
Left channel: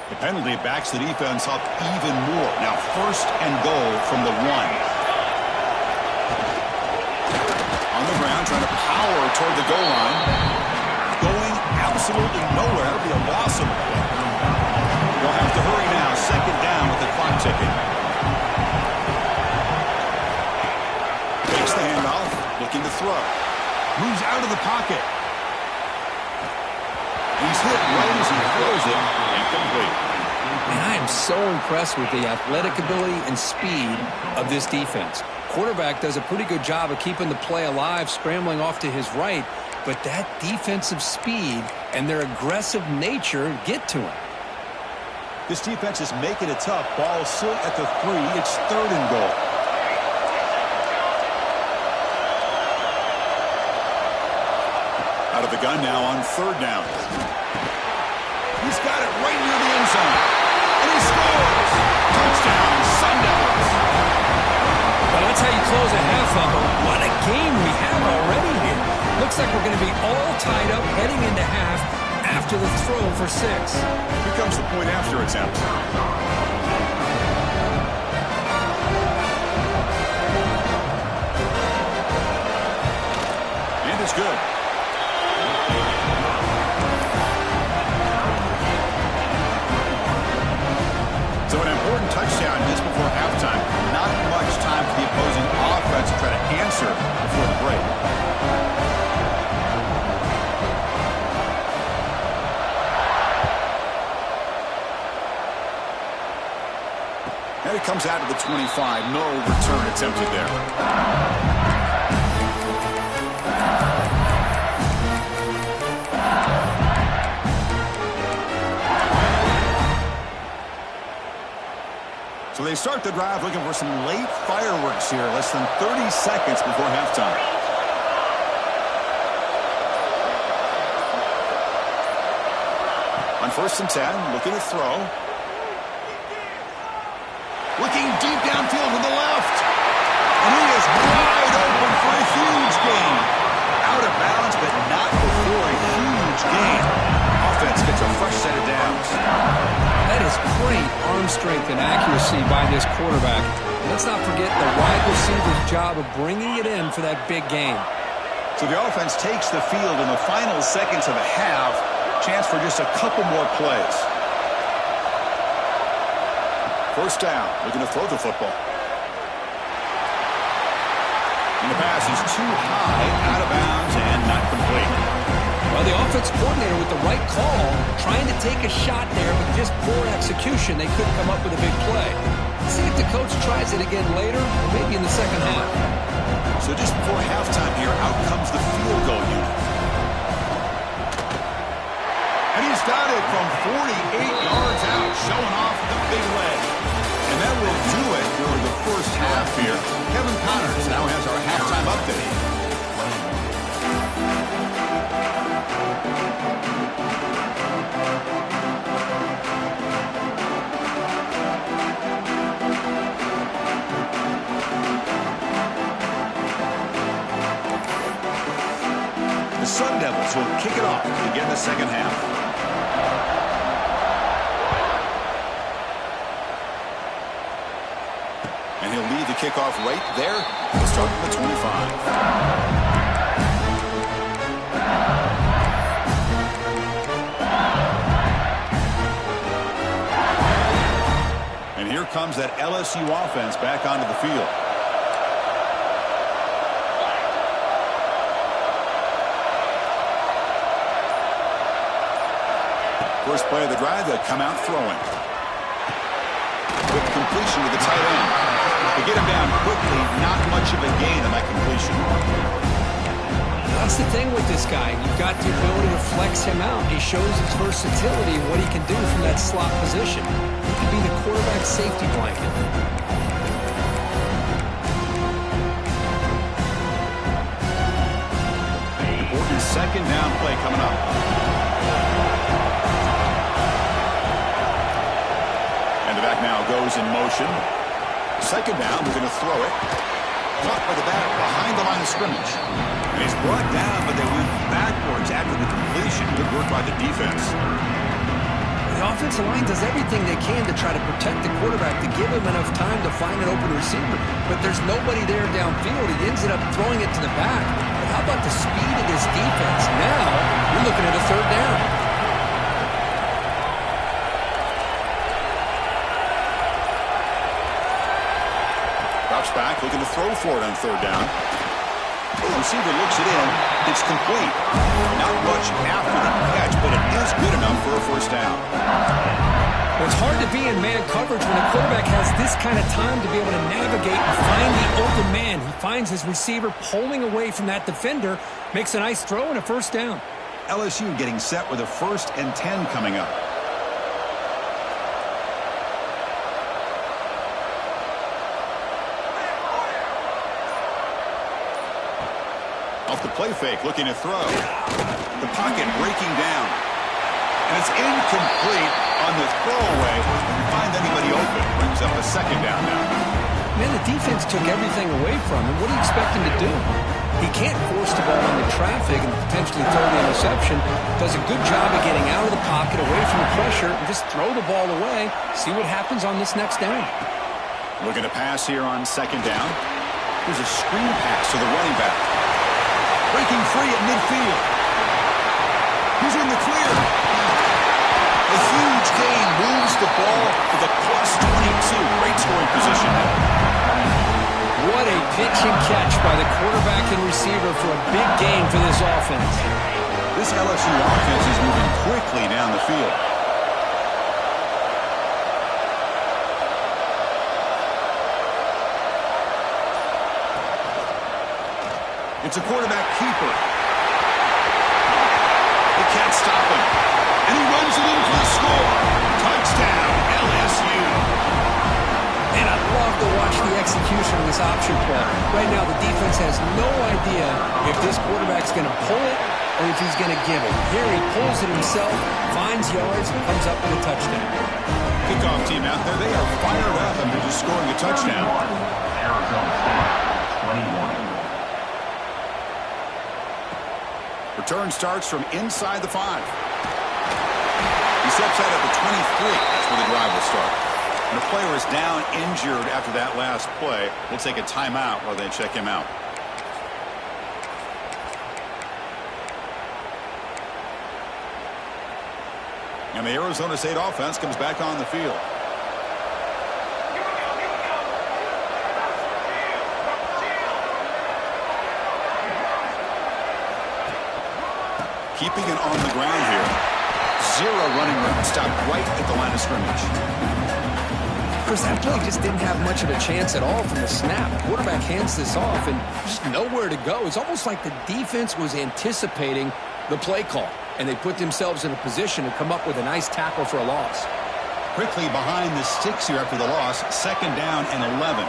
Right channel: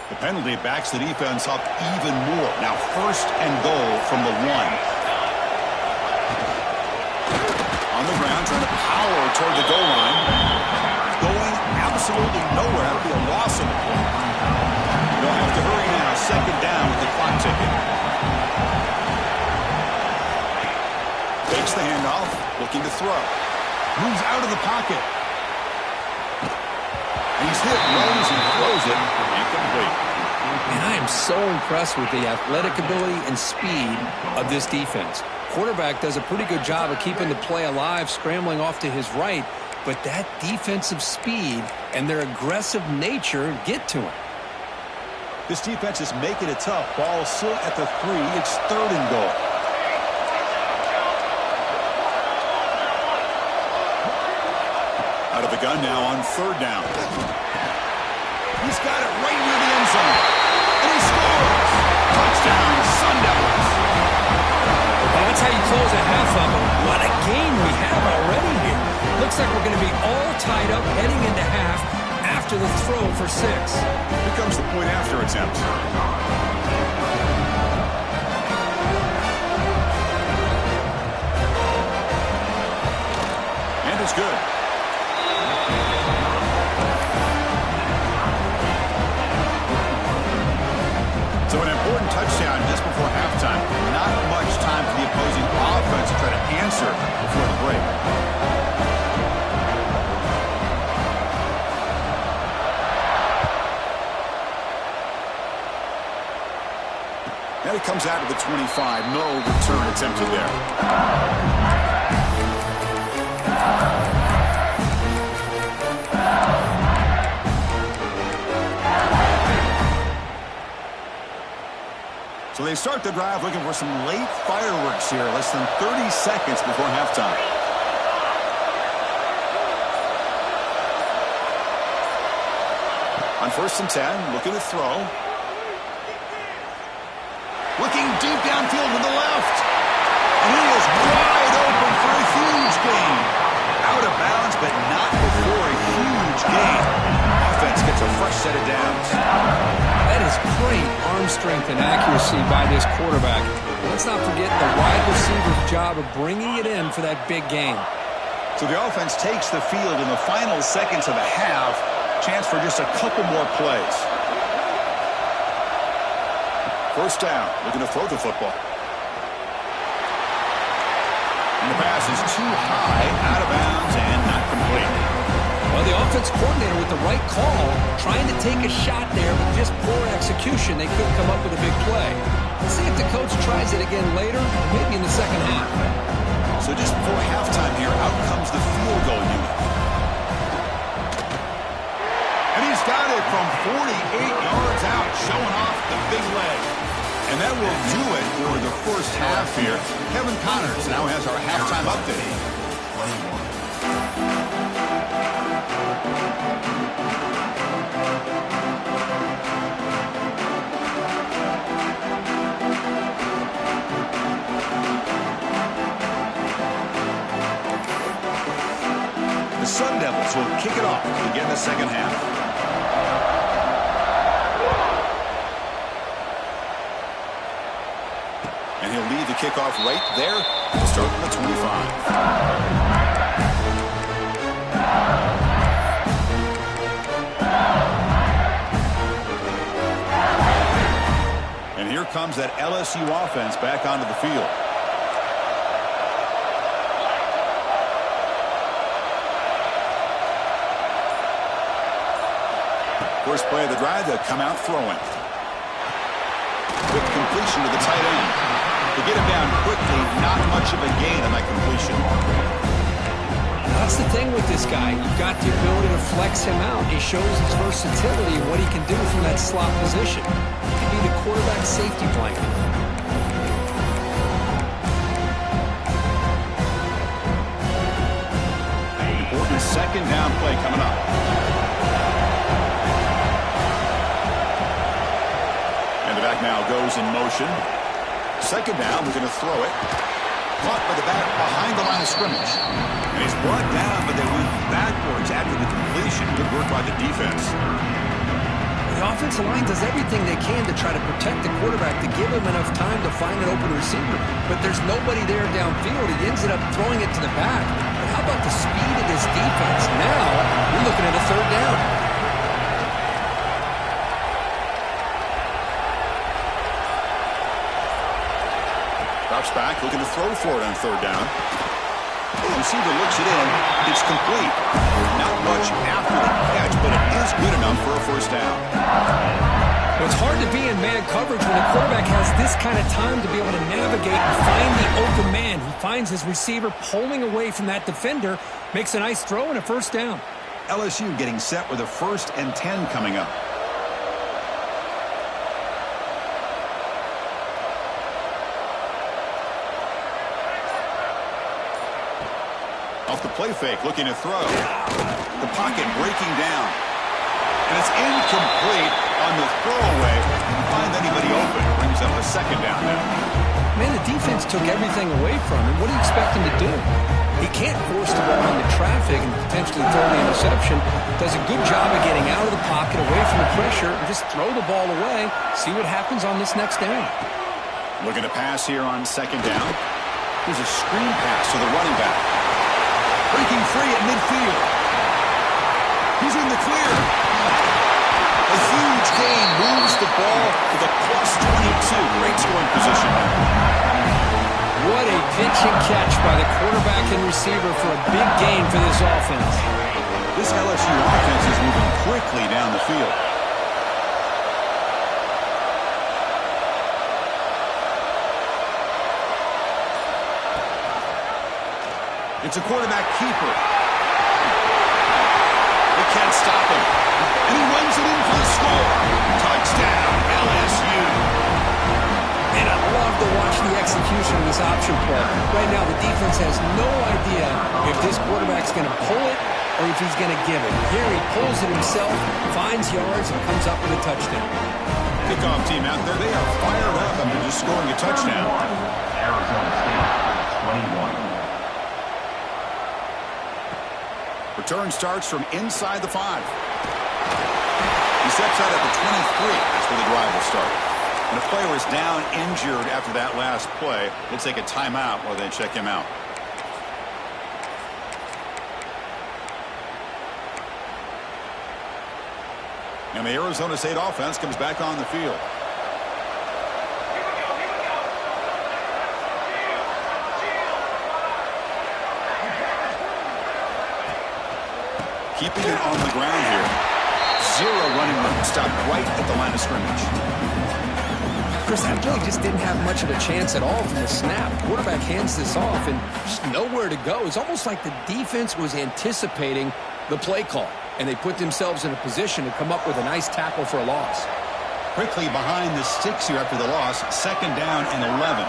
The penalty backs the defense up even more. Now first and goal from the 1. On the ground, trying to power toward the goal line. Going absolutely nowhere. That'll be a loss on the play. They'll have to hurry now. Second down with the clock ticking. Takes the handoff. Looking to throw. Moves out of the pocket. And he's hit right as he throws it. Incomplete. And I am so impressed with the athletic ability and speed of this defense. Quarterback does a pretty good job of keeping the play alive, scrambling off to his right, but that defensive speed and their aggressive nature get to him. This defense is making it tough. Ball still at the 3. It's third and goal. Out of the gun now on third down. He's got it right near the end zone. And he scores! Touchdown, Sun Devils! Well, that's how you close a half of it. What a game we have already here. Looks like we're going to be all tied up heading into half after the throw for 6. Here comes the point after attempt. And it's good. So an important touchdown just before halftime. Not much time for the opposing offense to try to answer before the break. And it comes out of the 25. No return attempted there. So they start the drive looking for some late fireworks here. Less than 30 seconds before halftime. On 1st and 10, looking to throw. Looking deep downfield to the left. And he is wide open for a huge gain. Out of bounds, but not before a huge gain. Offense gets a fresh set of downs. That is great arm strength and accuracy by this quarterback. Let's not forget the wide receiver's job of bringing it in for that big gain. So the offense takes the field in the final seconds of the half. Chance for just a couple more plays. First down, looking to throw the football. And the pass is too high, out of bounds, and not complete. Well, the offense coordinator with the right call, trying to take a shot there, but just poor execution. They couldn't come up with a big play. Let's see if the coach tries it again later, or maybe in the second half. So just before halftime here, out comes the field goal unit. And he's got it from 48 yards out, showing off the big leg. And that will do it for the first half here. Kevin Connors now has our halftime update. The Sun Devils will kick it off to begin the second half. And he'll lead the kickoff right there. He'll start from the 25. And here comes that LSU offense back onto the field. First play of the drive, they'll come out throwing. Quick completion to the tight end. To get him down quickly, not much of a gain on that completion. That's the thing with this guy. You've got the ability to flex him out. He shows his versatility and what he can do from that slot position. He can be the quarterback safety blanket. Important second down play coming up. And the back now goes in motion. Second down, we're going to throw it. Caught by the back behind the line of scrimmage. And he's brought down, but they went backwards after the completion. Good work by the defense. The offensive line does everything they can to try to protect the quarterback, to give him enough time to find an open receiver. But there's nobody there downfield. He ends up throwing it to the back. But how about the speed of this defense? Now, you're looking at a third down. Drops back, looking to throw for it on third down. The receiver looks it in. It's complete. Not much after the catch, but it is good enough for a first down. Well, it's hard to be in man coverage when the quarterback has this kind of time to be able to navigate and find the open man. He finds his receiver pulling away from that defender, makes a nice throw and a first down. LSU getting set with a 1st and 10 coming up. Off the play fake, looking to throw. The pocket breaking down. And it's incomplete on the throwaway. Didn't find anybody open. Brings up a second down now. Man, the defense took everything away from him. What do you expect him to do? He can't force the ball into traffic and potentially throw the interception. Does a good job of getting out of the pocket, away from the pressure, and just throw the ball away. See what happens on this next down. Looking to pass here on second down. There's a screen pass to the running back. Breaking free at midfield. He's in the clear. A huge gain moves the ball to the +22. Great scoring position now. What a pitch and catch by the quarterback and receiver for a big gain for this offense. This LSU offense is moving quickly down the field. It's a quarterback keeper. They can't stop him. And he runs it in for the score. Touchdown, LSU. And I love to watch the execution of this option play. Right now, the defense has no idea if this quarterback's going to pull it or if he's going to give it. Here he pulls it himself, finds yards, and comes up with a touchdown. Kickoff team out there, they are fired up after just scoring a touchdown. Arizona State, 21. Return starts from inside the 5. He steps out at the 23. That's where the drive will start. And a player is down injured after that last play. We'll take a timeout while they check him out. And the Arizona State offense comes back on the field. Keeping it on the ground here. 0 running room. Stopped right at the line of scrimmage. Chris, that play just didn't have much of a chance at all from the snap. Quarterback hands this off and just nowhere to go. It's almost like the defense was anticipating the play call, and they put themselves in a position to come up with a nice tackle for a loss. Quickly behind the sticks here after the loss. 2nd down and 11.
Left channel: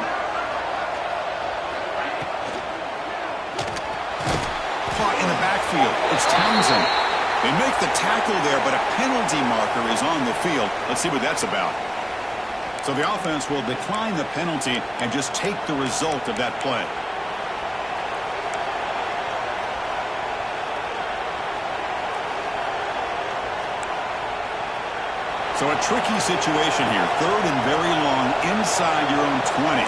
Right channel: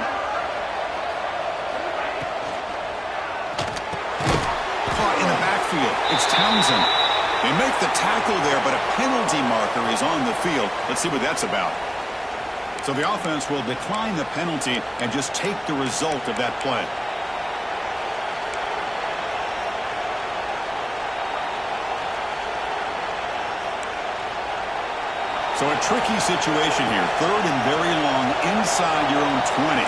Caught in the backfield. It's Townsend. They make the tackle there, but a penalty marker is on the field. Let's see what that's about. So the offense will decline the penalty and just take the result of that play. So a tricky situation here. 3rd and very long inside your own 20.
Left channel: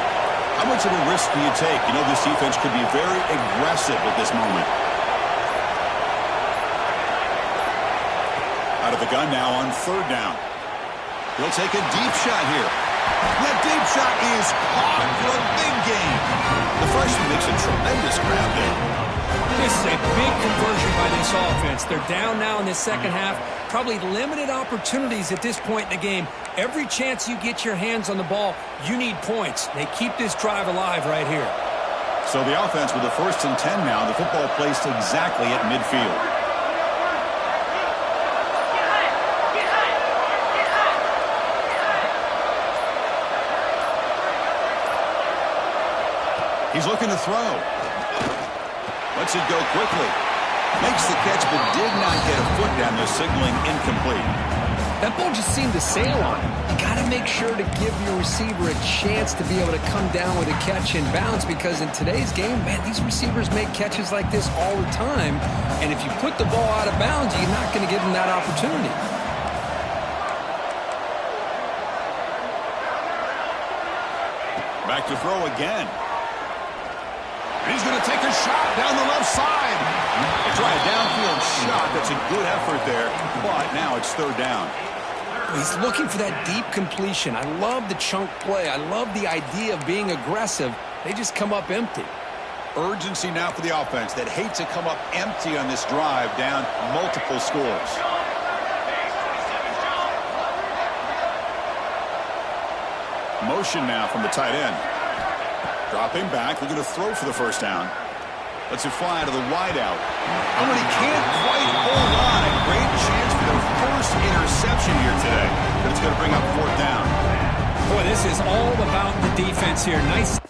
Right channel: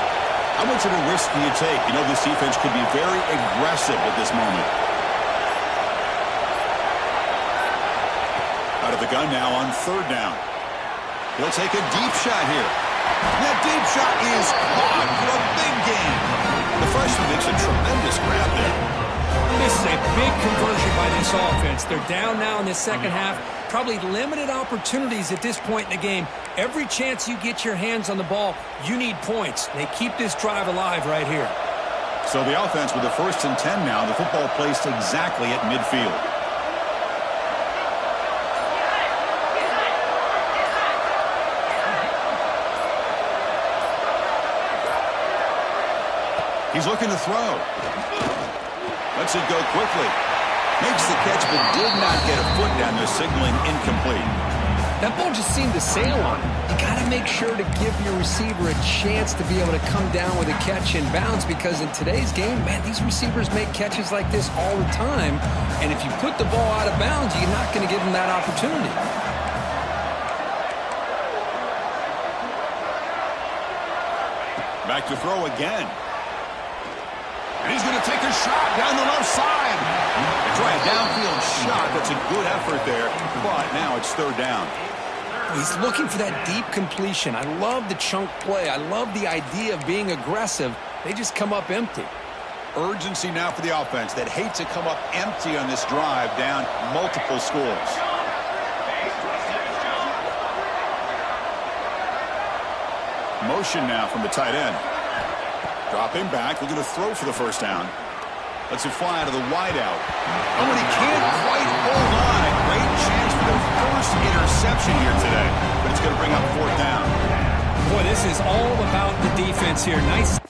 How much of a risk do you take? You know, this defense could be very aggressive at this moment. Out of the gun now on 3rd down. He'll take a deep shot here. That deep shot is caught for a big gain. The freshman makes a tremendous grab there. This is a big conversion by this offense. They're down now in the second half. Probably limited opportunities at this point in the game. Every chance you get your hands on the ball, you need points. They keep this drive alive right here. So the offense with the 1st and 10 now. The football placed exactly at midfield. He's looking to throw. Lets it go quickly. Makes the catch, but did not get a foot down there, signaling incomplete. That ball just seemed to sail on him. You got to make sure to give your receiver a chance to be able to come down with a catch and bounce, because in today's game, man, these receivers make catches like this all the time. And if you put the ball out of bounds, you're not going to give them that opportunity. Back to throw again. And he's going to take a shot down the left side. They try a downfield shot. That's a good effort there, but now it's 3rd down. He's looking for that deep completion. I love the chunk play. I love the idea of being aggressive. They just come up empty. Urgency now for the offense that hate to come up empty on this drive, down multiple scores. Motion now from the tight end. Dropping back, looking to throw for the 1st down. Lets it fly out of the wideout. Oh, and he can't quite hold on. A great chance for their 1st interception here today, but it's going to bring up 4th down. Boy, this is all about the defense here. Nice.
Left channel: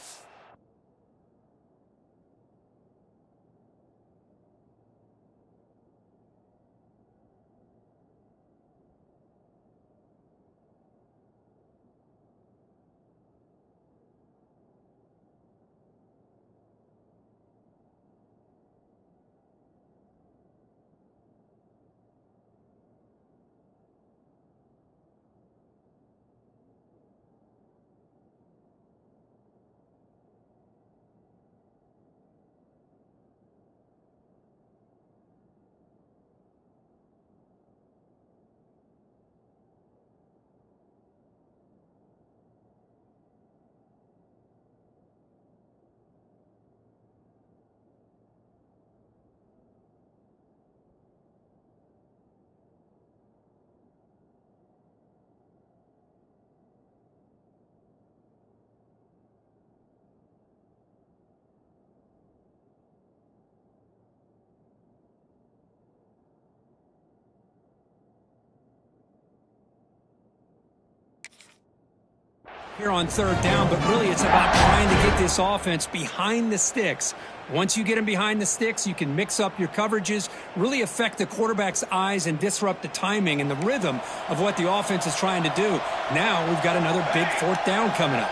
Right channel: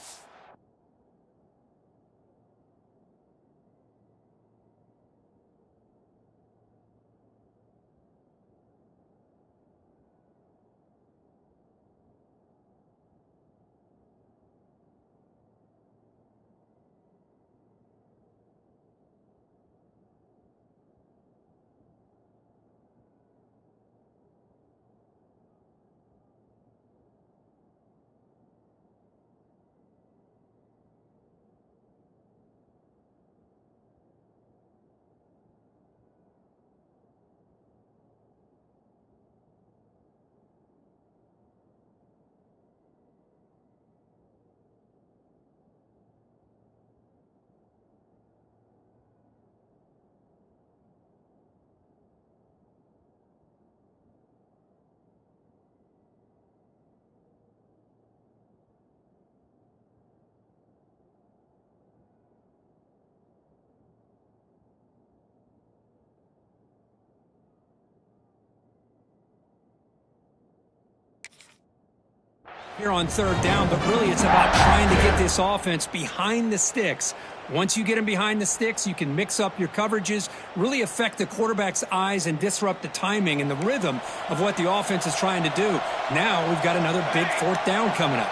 Here on 3rd down, but really it's about trying to get this offense behind the sticks. Once you get them behind the sticks, you can mix up your coverages, really affect the quarterback's eyes and disrupt the timing and the rhythm of what the offense is trying to do. Now we've got another big 4th down coming up.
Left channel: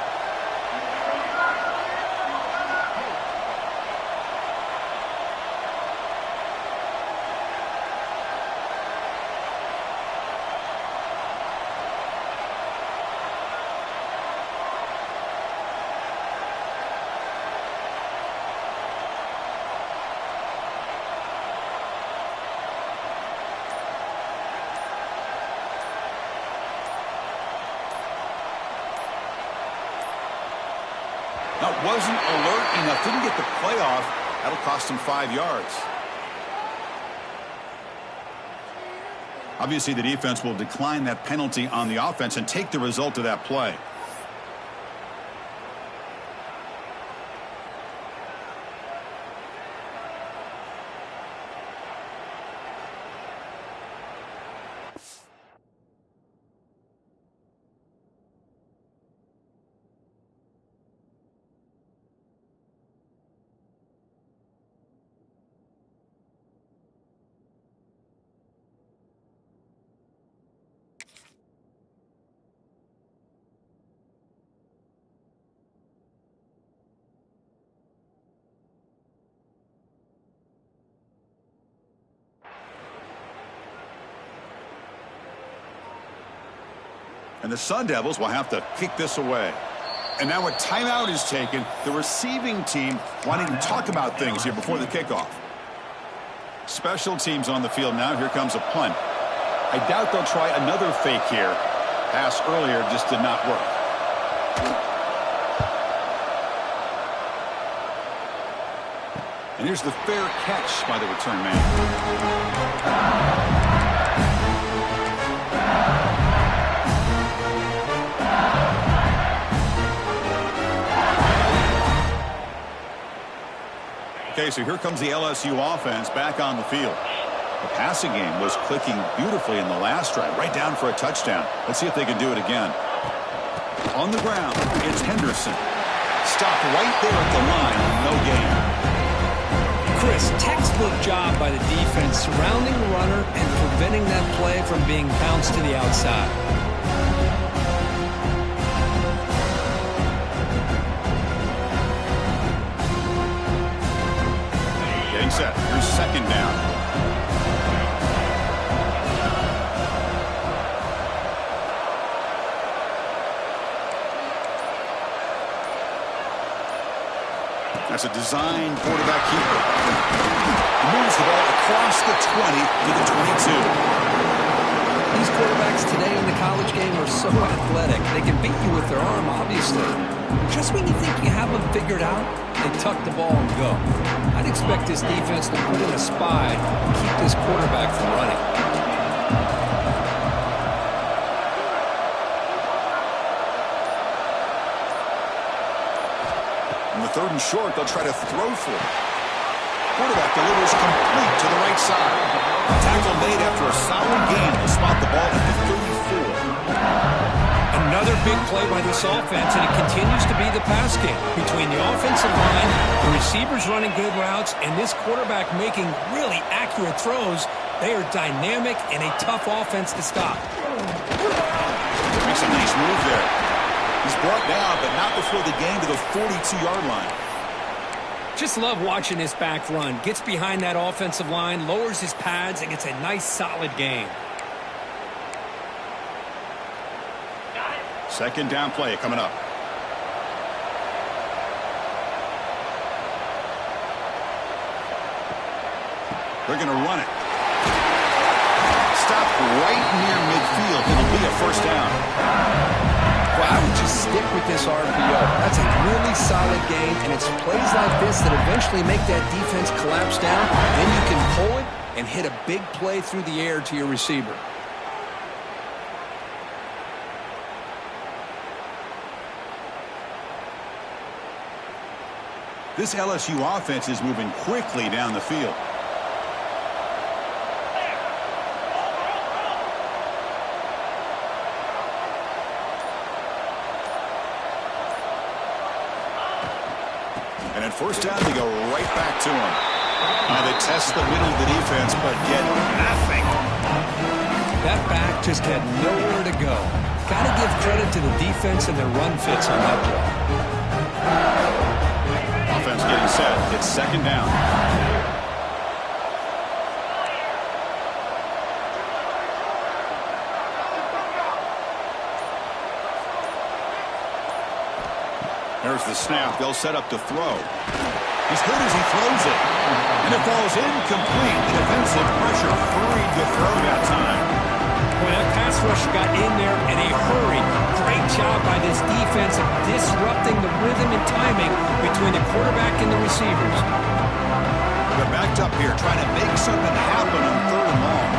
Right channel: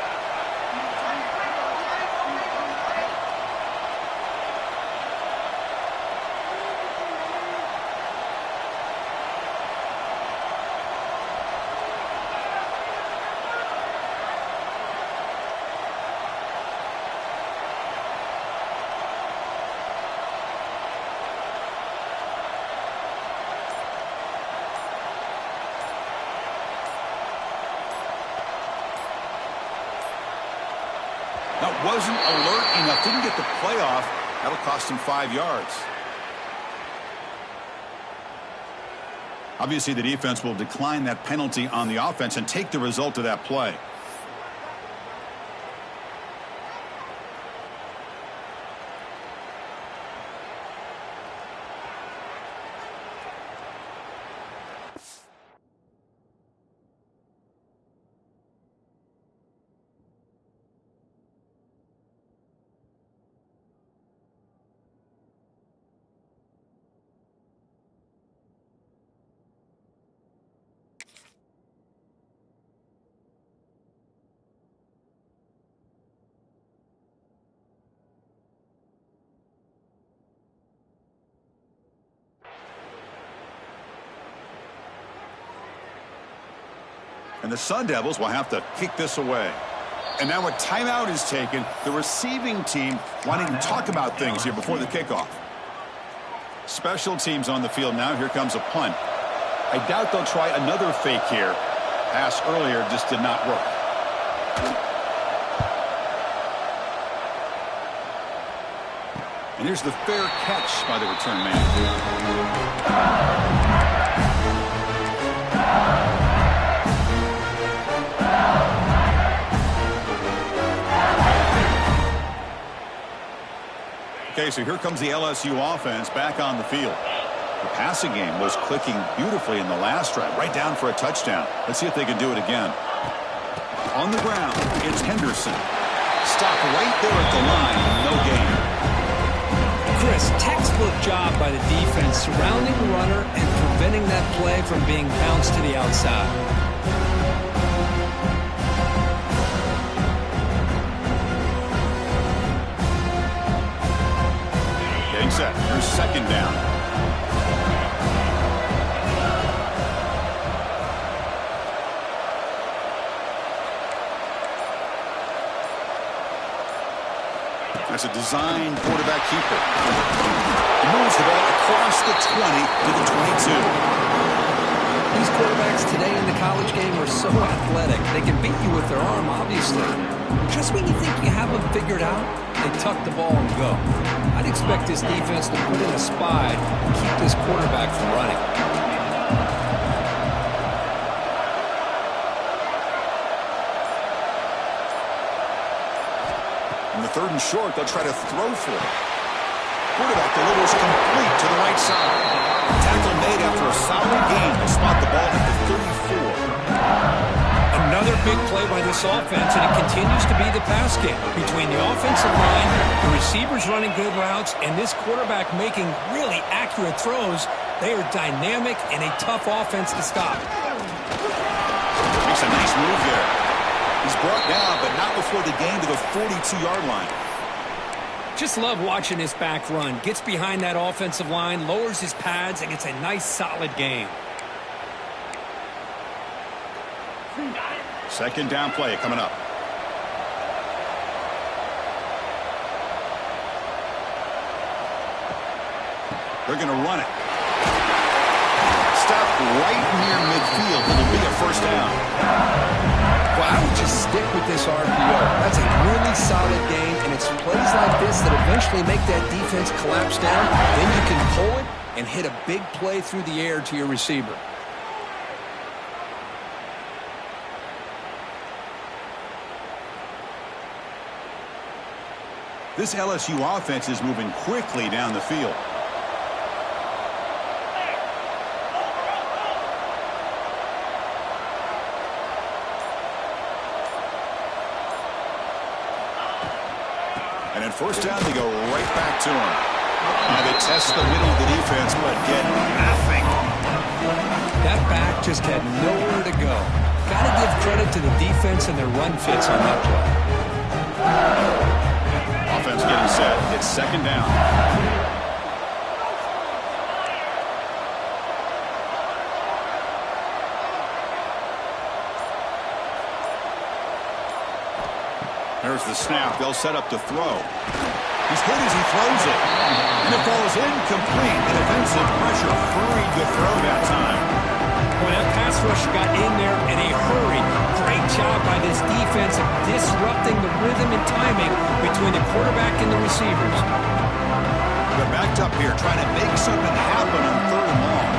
That wasn't alert enough. Didn't get the play off. That'll cost him 5 yards. Obviously, the defense will decline that penalty on the offense and take the result of that play. And the Sun Devils will have to kick this away. And now a timeout is taken. The receiving team wanting to talk about things here before the kickoff. Special teams on the field now. Here comes a punt. I doubt they'll try another fake here. Pass earlier just did not work. And here's the fair catch by the return man. Okay, so here comes the LSU offense back on the field. The passing game was clicking beautifully in the last drive, right down for a touchdown. Let's see if they can do it again. On the ground, it's Henderson. Stopped right there at the line, no gain. Chris, textbook job by the defense surrounding the runner and preventing that play from being bounced to the outside. Set. Here's second down. That's a design quarterback keeper. He moves the ball across the 20 to the 22. These quarterbacks today in the college game are so athletic. They can beat you with their arm, obviously. Just when you think you have them figured out, they tuck the ball and go. I'd expect this defense to put in a spy and keep this quarterback from running. On the 3rd and short, they'll try to throw for it. Quarterback delivers complete to the right side. Tackle made after a solid gain. They'll spot the ball at the 34. Another big play by this offense, and it continues to be the pass game. Between the offensive line, the receivers running good routes, and this quarterback making really accurate throws, they are dynamic and a tough offense to stop. Makes a nice move there. He's brought down, but not before the gain to the 42-yard line. Just love watching this back run. Gets behind that offensive line, lowers his pads, and gets a nice, solid gain. Second down play coming up. They're going to run it. Stopped right near midfield. It'll be a first down. Well, I would just stick with this RPO. That's a really solid game, and it's plays like this that eventually make that defense collapse down. Then you can pull it and hit a big play through the air to your receiver. This LSU offense is moving quickly down the field. And at first down, they go right back to him. They test the middle of the defense, but get nothing. That back just had nowhere to go. Got to give credit to the defense and their run fits on that play. Offense getting set. It's second down. There's the snap. They'll set up to throw. He's good as he throws it. And it falls incomplete. The defensive pressure hurried the throw that time. Boy, that pass rusher got in there in a hurry. Great job by this defense of disrupting the rhythm and good timing between the quarterback and the receivers. They're backed up here, trying to make something happen on 3rd and long.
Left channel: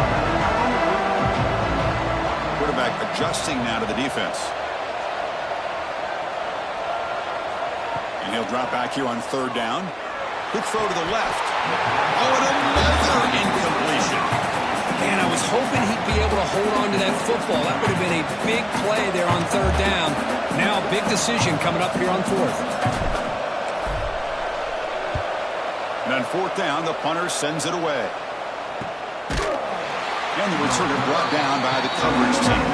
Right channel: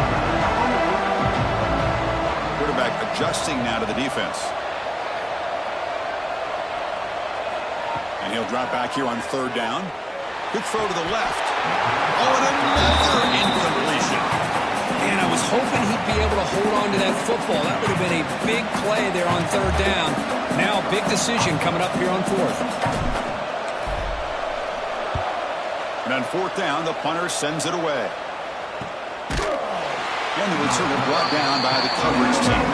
Quarterback adjusting now to the defense. And he'll drop back here on 3rd down. Quick throw to the left. Oh, and another incompletion. Man, I was hoping he'd be able to hold on to that football. That would have been a big play there on 3rd down. Now, big decision coming up here on 4th. And on 4th down, the punter sends it away. And the returner brought down by the coverage team.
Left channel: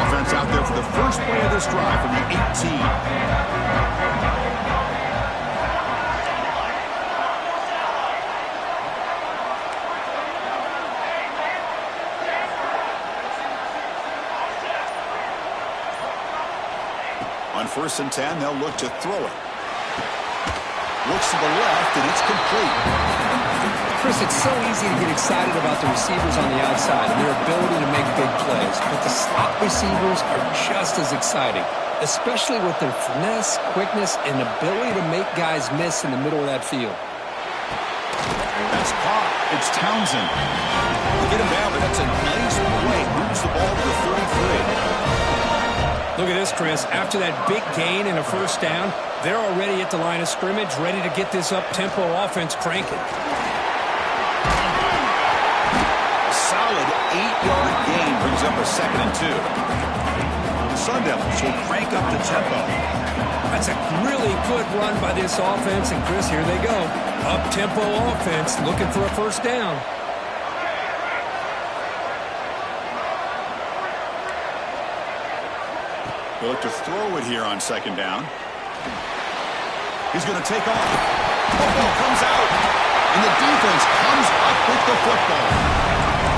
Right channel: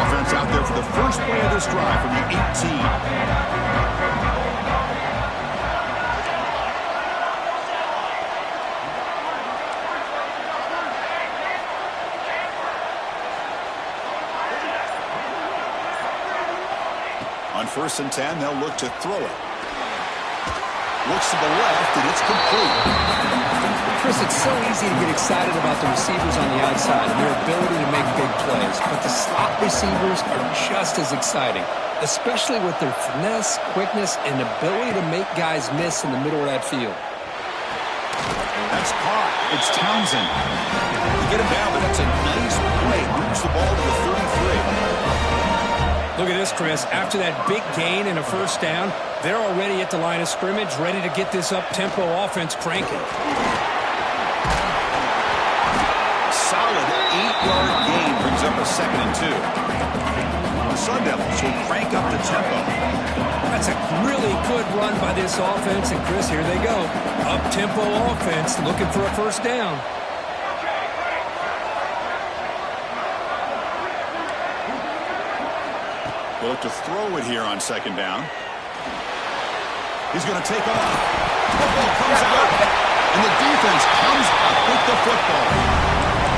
Offense out there for the first play of this drive from the 18. On 1st and 10, they'll look to throw it. Looks to the left, and it's complete. Chris, it's so easy to get excited about the receivers on the outside and their ability to make big plays, but the slot receivers are just as exciting, especially with their finesse, quickness, and ability to make guys miss in the middle of that field. That's caught. It's Townsend. You get him down, but that's a nice play. Moves the ball to the 33. Look at this, Chris. After that big gain and a 1st down, they're already at the line of scrimmage, ready to get this up-tempo offense cranking. A solid 8-yard gain brings up a 2nd and 2. The Sun Devils will crank up the tempo. That's a really good run by this offense, and Chris, here they go. Up-tempo offense looking for a 1st down. They look to throw it here on 2nd down. He's going to take off. Football comes out, and the defense comes up with the football.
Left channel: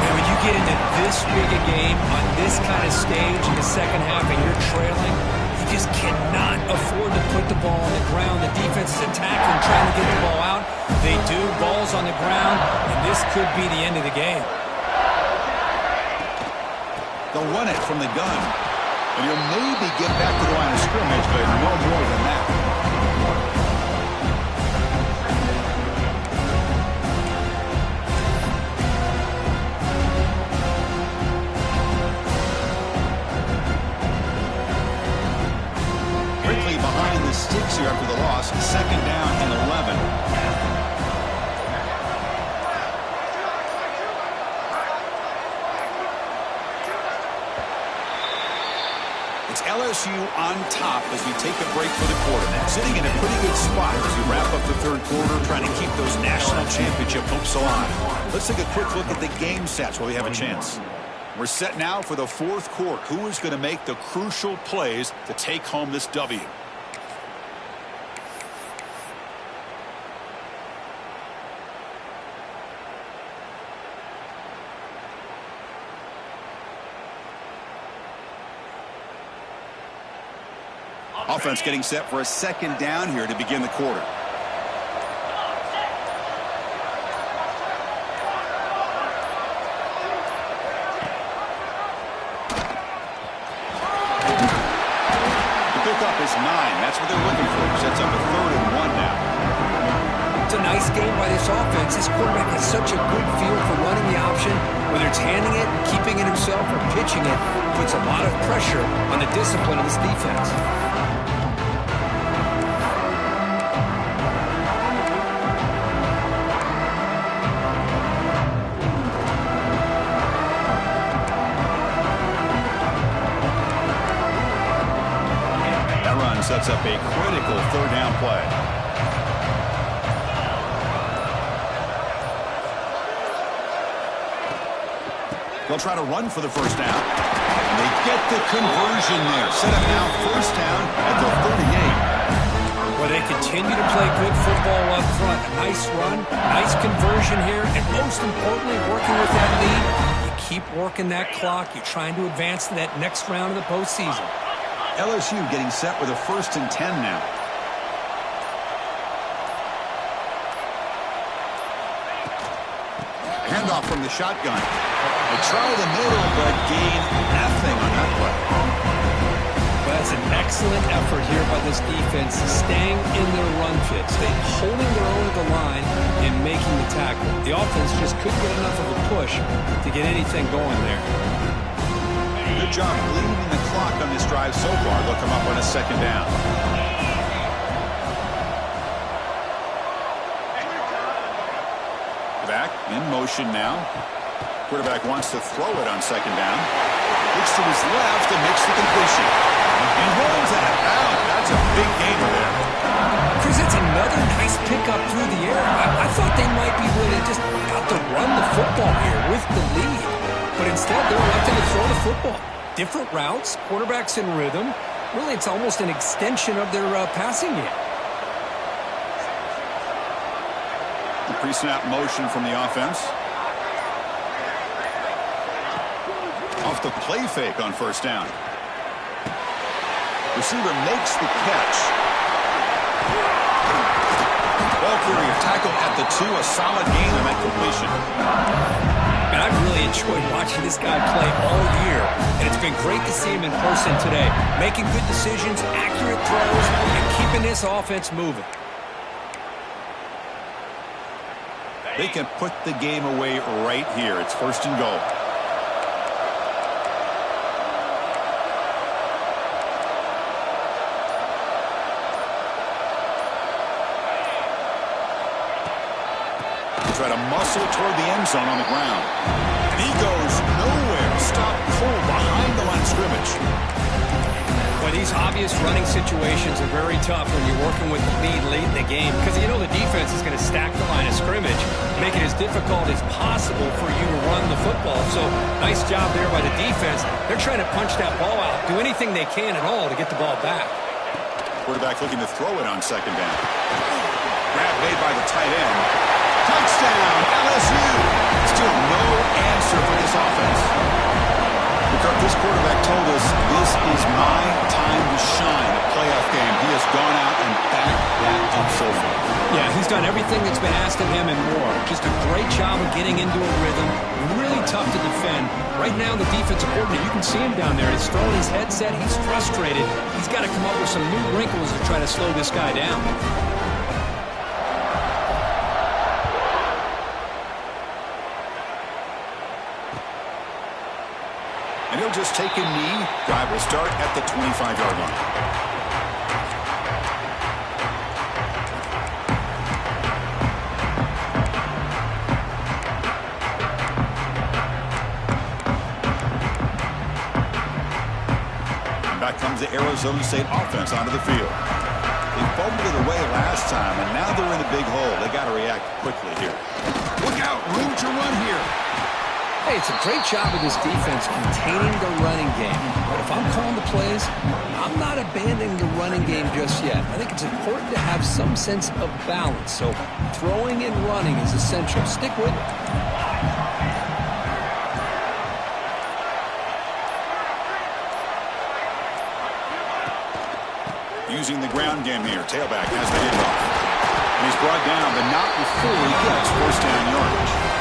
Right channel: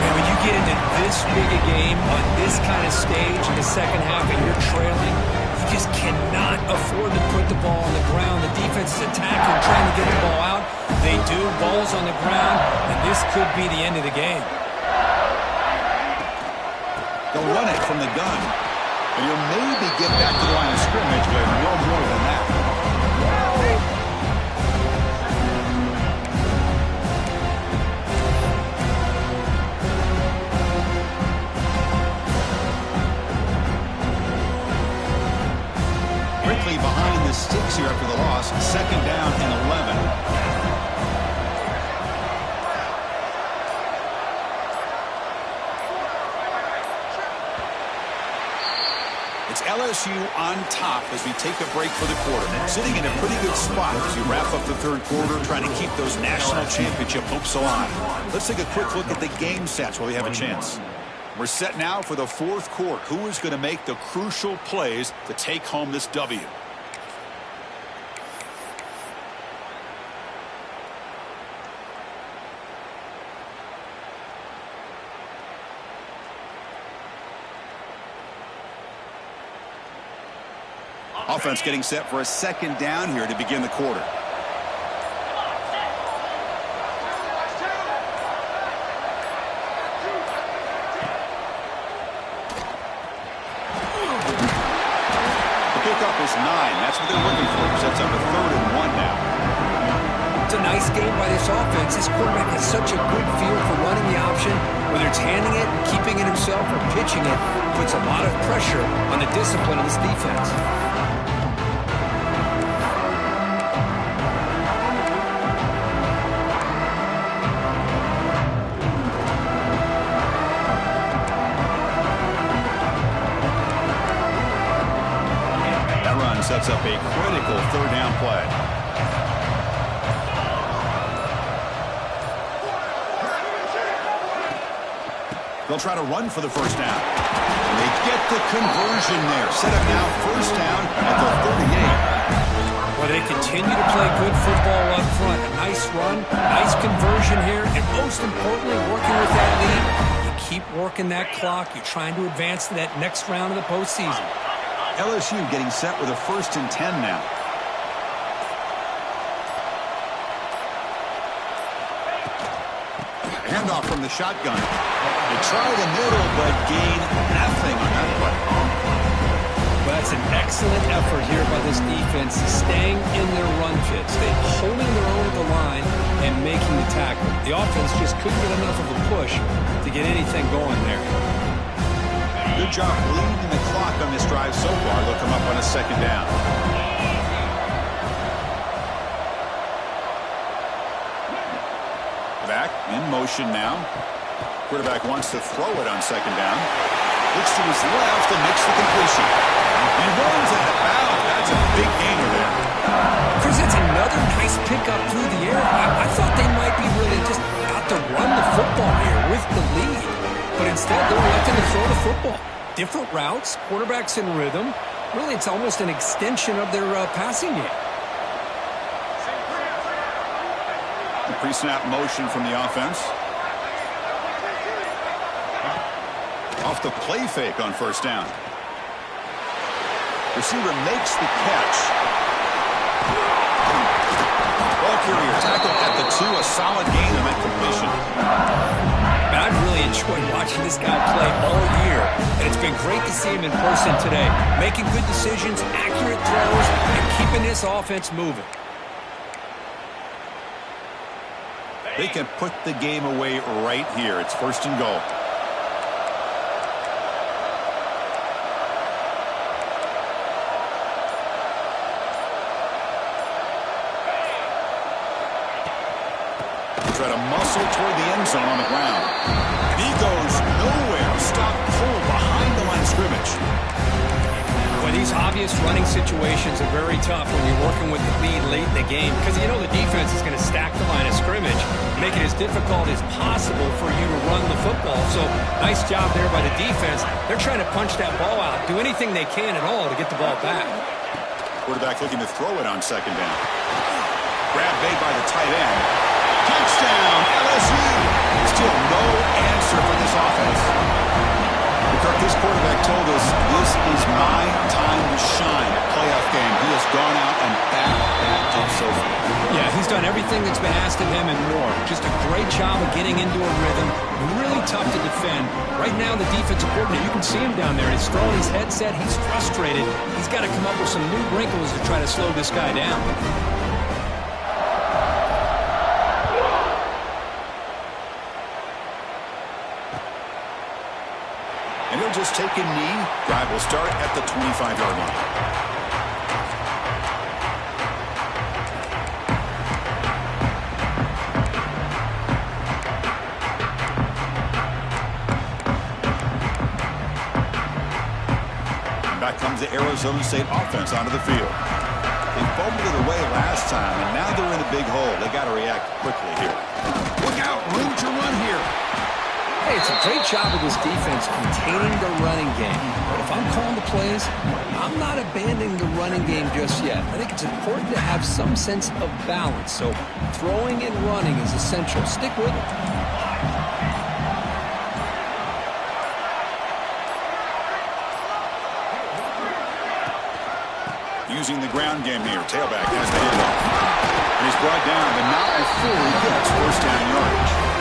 Man, when you get into this big a game on this kind of stage in the 2nd half and you're trailing, you just cannot afford to put the ball on the ground. The defense is attacking, trying to get the ball out. They do. Ball's on the ground, and this could be the end of the game. They'll run it from the gun. And you'll maybe get back to the line of scrimmage, but no more than that. Quickly behind the sticks here after the loss. 2nd down and 11. It's LSU on top as we take a break for the quarter. Sitting in a pretty good spot as we wrap up the 3rd quarter, trying to keep those national championship hopes alive. Let's take a quick look at the game stats while we have a chance. We're set now for the 4th quarter. Who is going to make the crucial plays to take home this W? Offense getting set for a 2nd down here to begin the quarter. The pickup is 9. That's what they're looking for. Sets up a 3rd and 1 now. It's a nice game by this offense. This quarterback has such a good feel for running the option. Whether it's handing it, keeping it himself, or pitching it, puts a lot of pressure on the discipline of this defense. Sets up a critical 3rd down play. They'll try to run for the 1st down. And they get the conversion there. Set up now 1st down at the 38. Well, they continue to play good football up front. A nice run, nice conversion here, and most importantly, working with that lead, you keep working that clock. You're trying to advance to that next round of the postseason. LSU getting set with a 1st and 10 now. Handoff from the shotgun. They try the middle, but gain nothing on that play. Well, that's an excellent effort here by this defense, staying in their run fits. They're holding their own at the line and making the tackle. The offense just couldn't get enough of a push to get anything going there. Good job bleeding the clock on this drive so far. They'll come up on a second down. Back in motion now. Quarterback wants to throw it on second down. Looks to his left and makes the completion. And rolls out of bounds. That's a big gainer there. Chris, that's another nice pickup through the air. I thought they might be really just out to run the football here with the lead. But instead, they're electing to throw the football. Different routes, quarterbacks in rhythm. Really, it's almost an extension of their passing game. The pre-snap motion from the offense. Off the play fake on first down. Receiver makes the catch. Ball carrier tackled at the 2. A solid gain on that completion. And I've really enjoyed watching this guy play all year. And it's been great to see him in person today. Making good decisions, accurate throws, and keeping this offense moving. They can put the game away right here. It's first and goal. Try to muscle toward the end zone on the ground. And he goes nowhere. Stop cold behind the line of scrimmage. Well, these obvious running situations are very tough when you're working with the lead late in the game because you know the defense is going to stack the line of scrimmage, make it as difficult as possible for you to run the football. So nice job there by the defense. They're trying to punch that ball out, do anything they can at all to get the ball back. Quarterback looking to throw it on second down. Grab made by the tight end. Touchdown, LSU. Still no answer for this offense. Kirk, this quarterback told us this is my time to shine at playoff game. He has gone out and backed that up so far. Yeah, he's done everything that's been asked of him and more. Just a great job of getting into a rhythm. Really tough to defend. Right now, the defensive coordinator, you can see him down there. He's throwing his headset. He's frustrated. He's got to come up with some new wrinkles to try to slow this guy down. And he'll just take a knee. Drive will start at the 25-yard line. And back comes the Arizona State offense onto the field. They fumbled it away last time, and now they're in a big hole. They got to react quickly here. Look out, room to run here. Hey, it's a great job of this defense containing the running game. But if I'm calling the plays, I'm not abandoning the running game just yet. I think it's important to have some sense of balance. So throwing and running is essential. Stick with it. Using the ground game here. Tailback has the handoff. And he's brought down, but not before he gets first down yardage.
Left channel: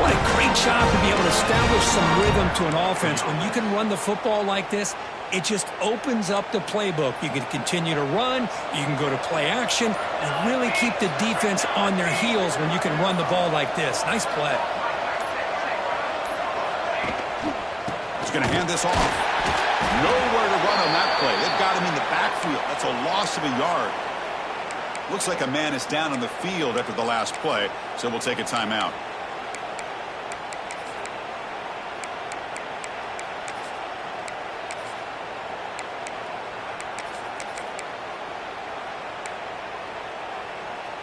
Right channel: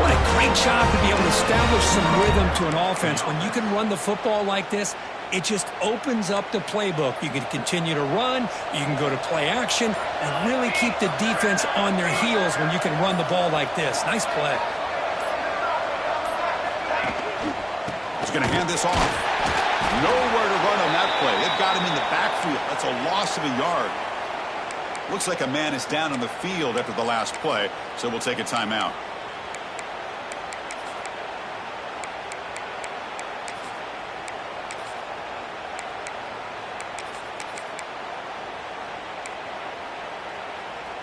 What a great job to be able to establish some rhythm to an offense. When you can run the football like this, it just opens up the playbook. You can continue to run, you can go to play action, and really keep the defense on their heels when you can run the ball like this. Nice play. He's going to hand this off. Nowhere to run on that play. They've got him in the backfield. That's a loss of a yard. Looks like a man is down on the field after the last play, so we'll take a timeout.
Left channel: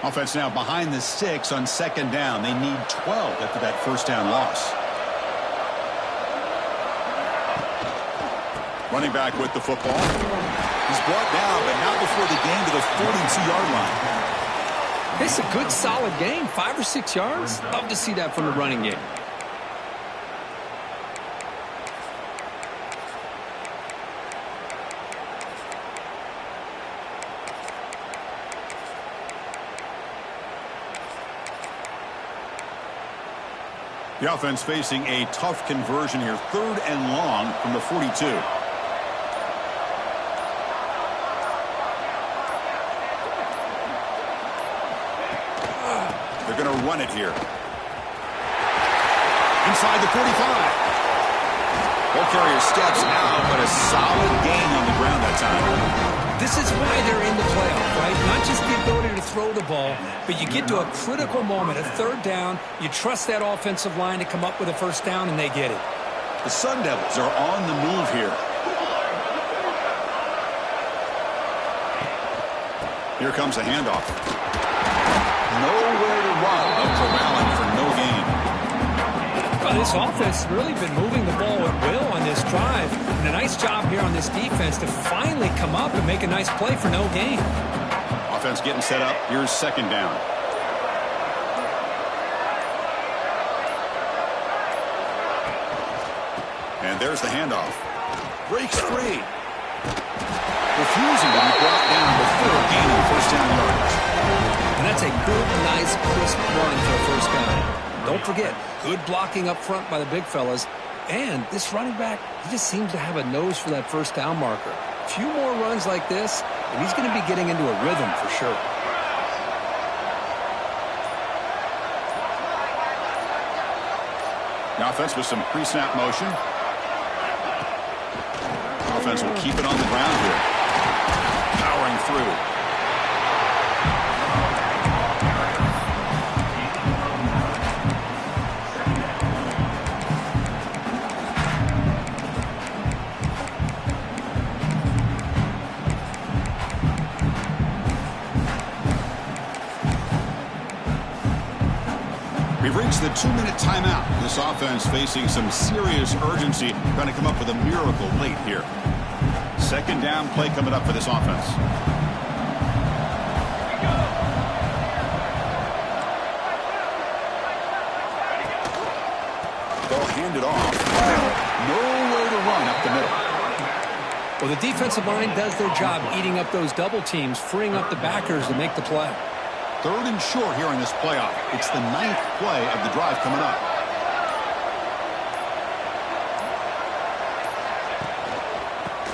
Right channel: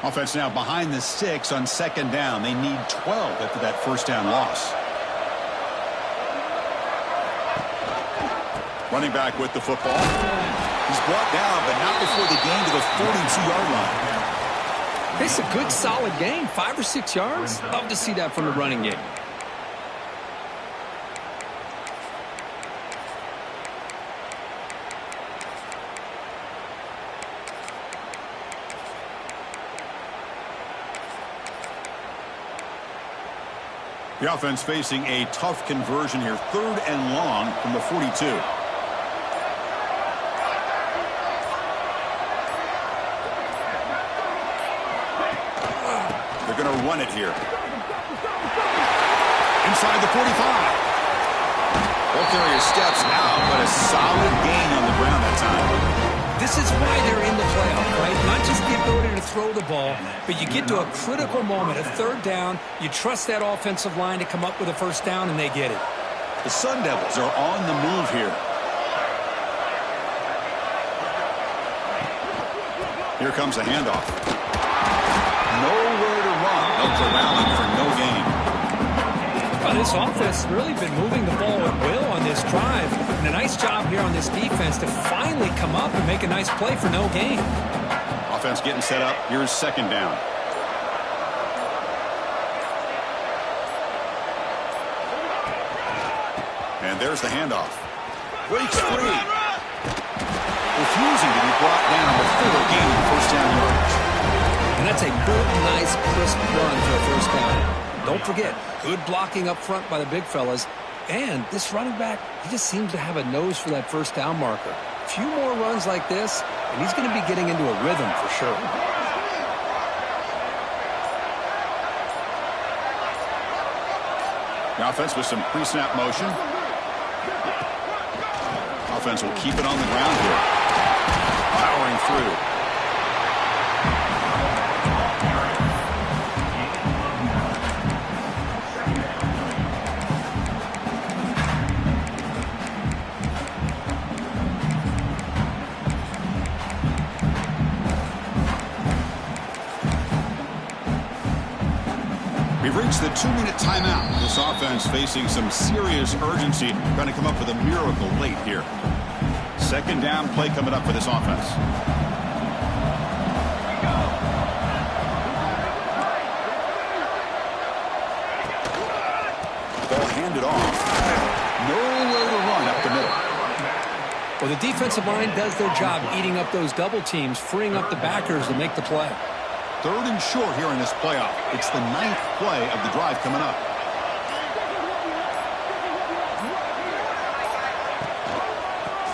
Offense now behind the 6 on second down. They need 12 after that first down loss. Running back with the football. He's brought down, but not before the gain to the 42-yard line. It's a good, solid gain. 5 or 6 yards. Love to see that from the running game. The offense facing a tough conversion here. 3rd and long from the 42. They're going to run it here. Inside the 45. Ball carrier steps out, but a solid gain on the ground that time. This is why they're in the playoff, right? Not just the ability to throw the ball, but you get to a critical moment, a 3rd down. You trust that offensive line to come up with a 1st down, and they get it. The Sun Devils are on the move here. Here comes a handoff. Nowhere to run. They'll corral him for no gain. Well, this offense has really been moving the ball at will on this drive. And a nice job here on this defense to finally come up and make a nice play for no gain. Offense getting set up. Here's 2nd down. And there's the handoff. Breaks free. Refusing to be brought down before gaining 1st down yardage. And that's a good, nice, crisp run for a 1st down. Don't forget, good blocking up front by the big fellas. And this running back, he just seems to have a nose for that 1st down marker. A few more runs like this, and he's going to be getting into a rhythm for sure. The offense with some pre-snap motion. Offense will keep it on the ground here. Powering through. We've reached the 2-minute timeout. This offense facing some serious urgency, trying to come up with a miracle late here. 2nd down play coming up for this offense. Ball handed off. Nowhere to run up the middle. Well, the defensive line does their job eating up those double teams, freeing up the backers to make the play. 3rd and short here in this playoff. It's the 9th play of the drive coming up.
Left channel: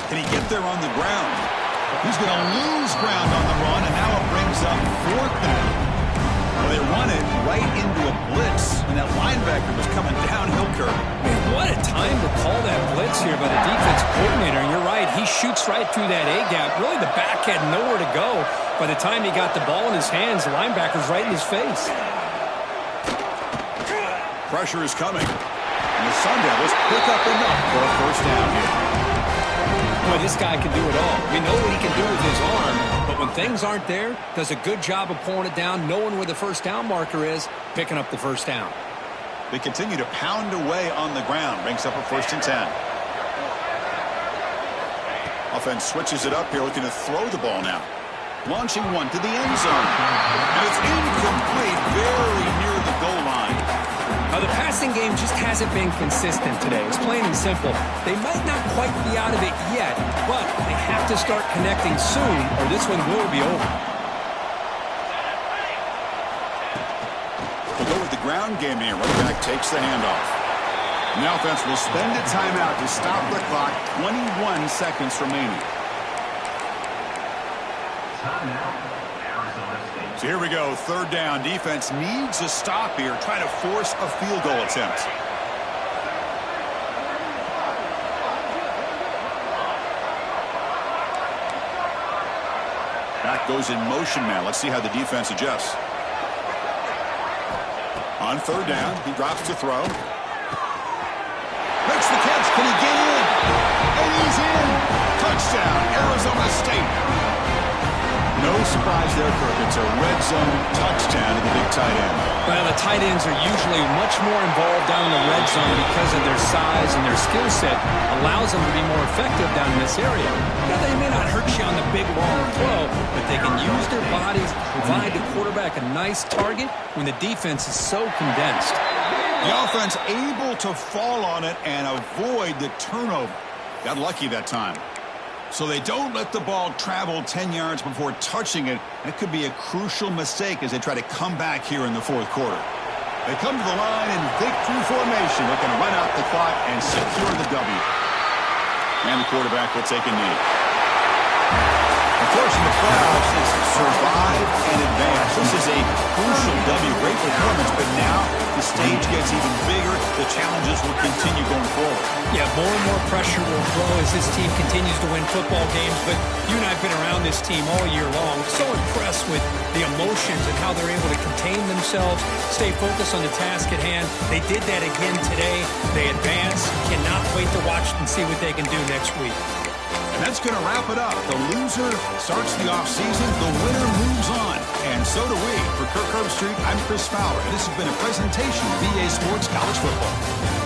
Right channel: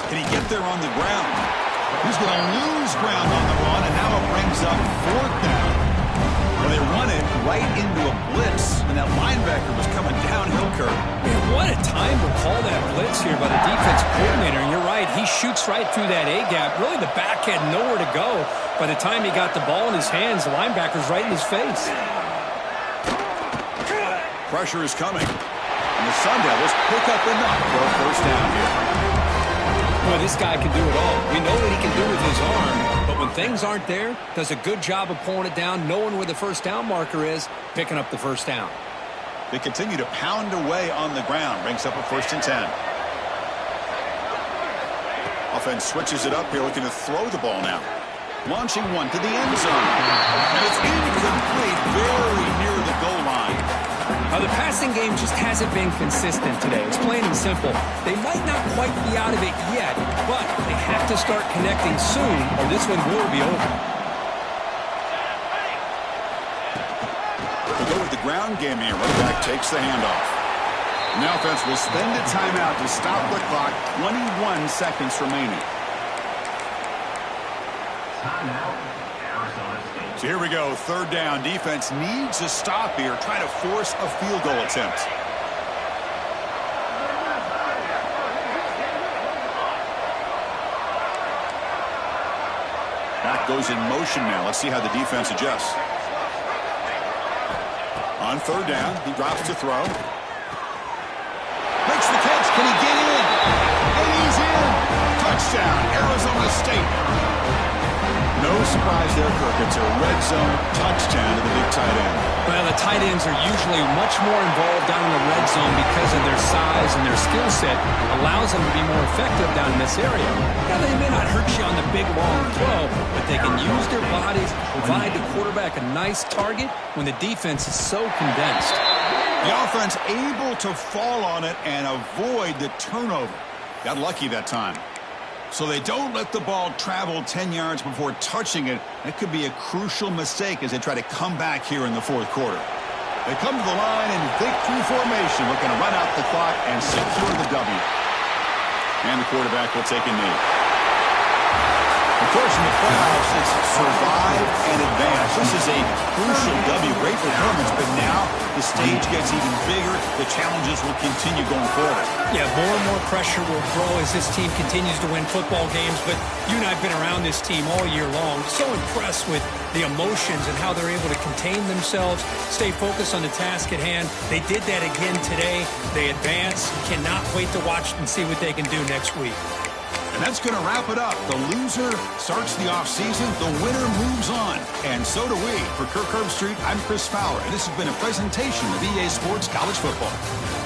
Can he get there on the ground? He's going to lose ground on the run, and now it brings up 4th down. Well, they run it right into a blitz, and that linebacker was coming downhill, Kirk. Man, what a time to call that blitz here by the defense coordinator. And you're right, he shoots right through that A-gap. Really, the back had nowhere to go. By the time he got the ball in his hands, the linebacker's right in his face. Pressure is coming, and the Sun Devils pick up enough for a 1st down here. Boy, this guy can do it all. We know what he can do with his arm, but when things aren't there, does a good job of pulling it down, knowing where the 1st down marker is, picking up the 1st down. They continue to pound away on the ground, brings up a 1st and 10. Offense switches it up here, looking to throw the ball now. Launching one to the end zone. And it's incomplete, very near the goal line. The passing game just hasn't been consistent today. It's plain and simple. They might not quite be out of it yet, but they have to start connecting soon, or this one will be over. We'll go with the ground game here. Running back takes the handoff. And the offense will spend a timeout to stop the clock. 21 seconds remaining. Timeout, Arizona State. So here we go. 3rd down. Defense needs a stop here. Try to force a field goal attempt. Back goes in motion now. Let's see how the defense adjusts. On 3rd down, he drops to throw. Makes the catch. Can he get in? And he's in. Touchdown, Arizona State. No surprise there, Kirk. It's a red zone touchdown to the big tight end. Well, the tight ends are usually much more involved down in the red zone because of their size and their skill set allows them to be more effective down in this area. Now, they may not hurt you on the big, long throw, but they can use their bodies to provide the quarterback a nice target when the defense is so condensed. The offense able to fall on it and avoid the turnover. Got lucky that time. So they don't let the ball travel 10 yards before touching it. That could be a crucial mistake as they try to come back here in the 4th quarter. They come to the line in victory formation, looking to run out the clock and secure the W. And the quarterback will take a knee. Of course, in the playoffs, it's survive and advance. This is a crucial W. Great performance, but now the stage gets even bigger. The challenges will continue going forward. Yeah, more and more pressure will grow as this team continues to win football games. But you and I have been around this team all year long. So impressed with the emotions and how they're able to contain themselves, stay focused on the task at hand. They did that again today. They advance. Cannot wait to watch and see what they can do next week. And that's going to wrap it up. The loser starts the offseason. The winner moves on. And so do we. For Kirk Herbstreit, I'm Chris Fowler. And this has been a presentation of EA Sports College Football.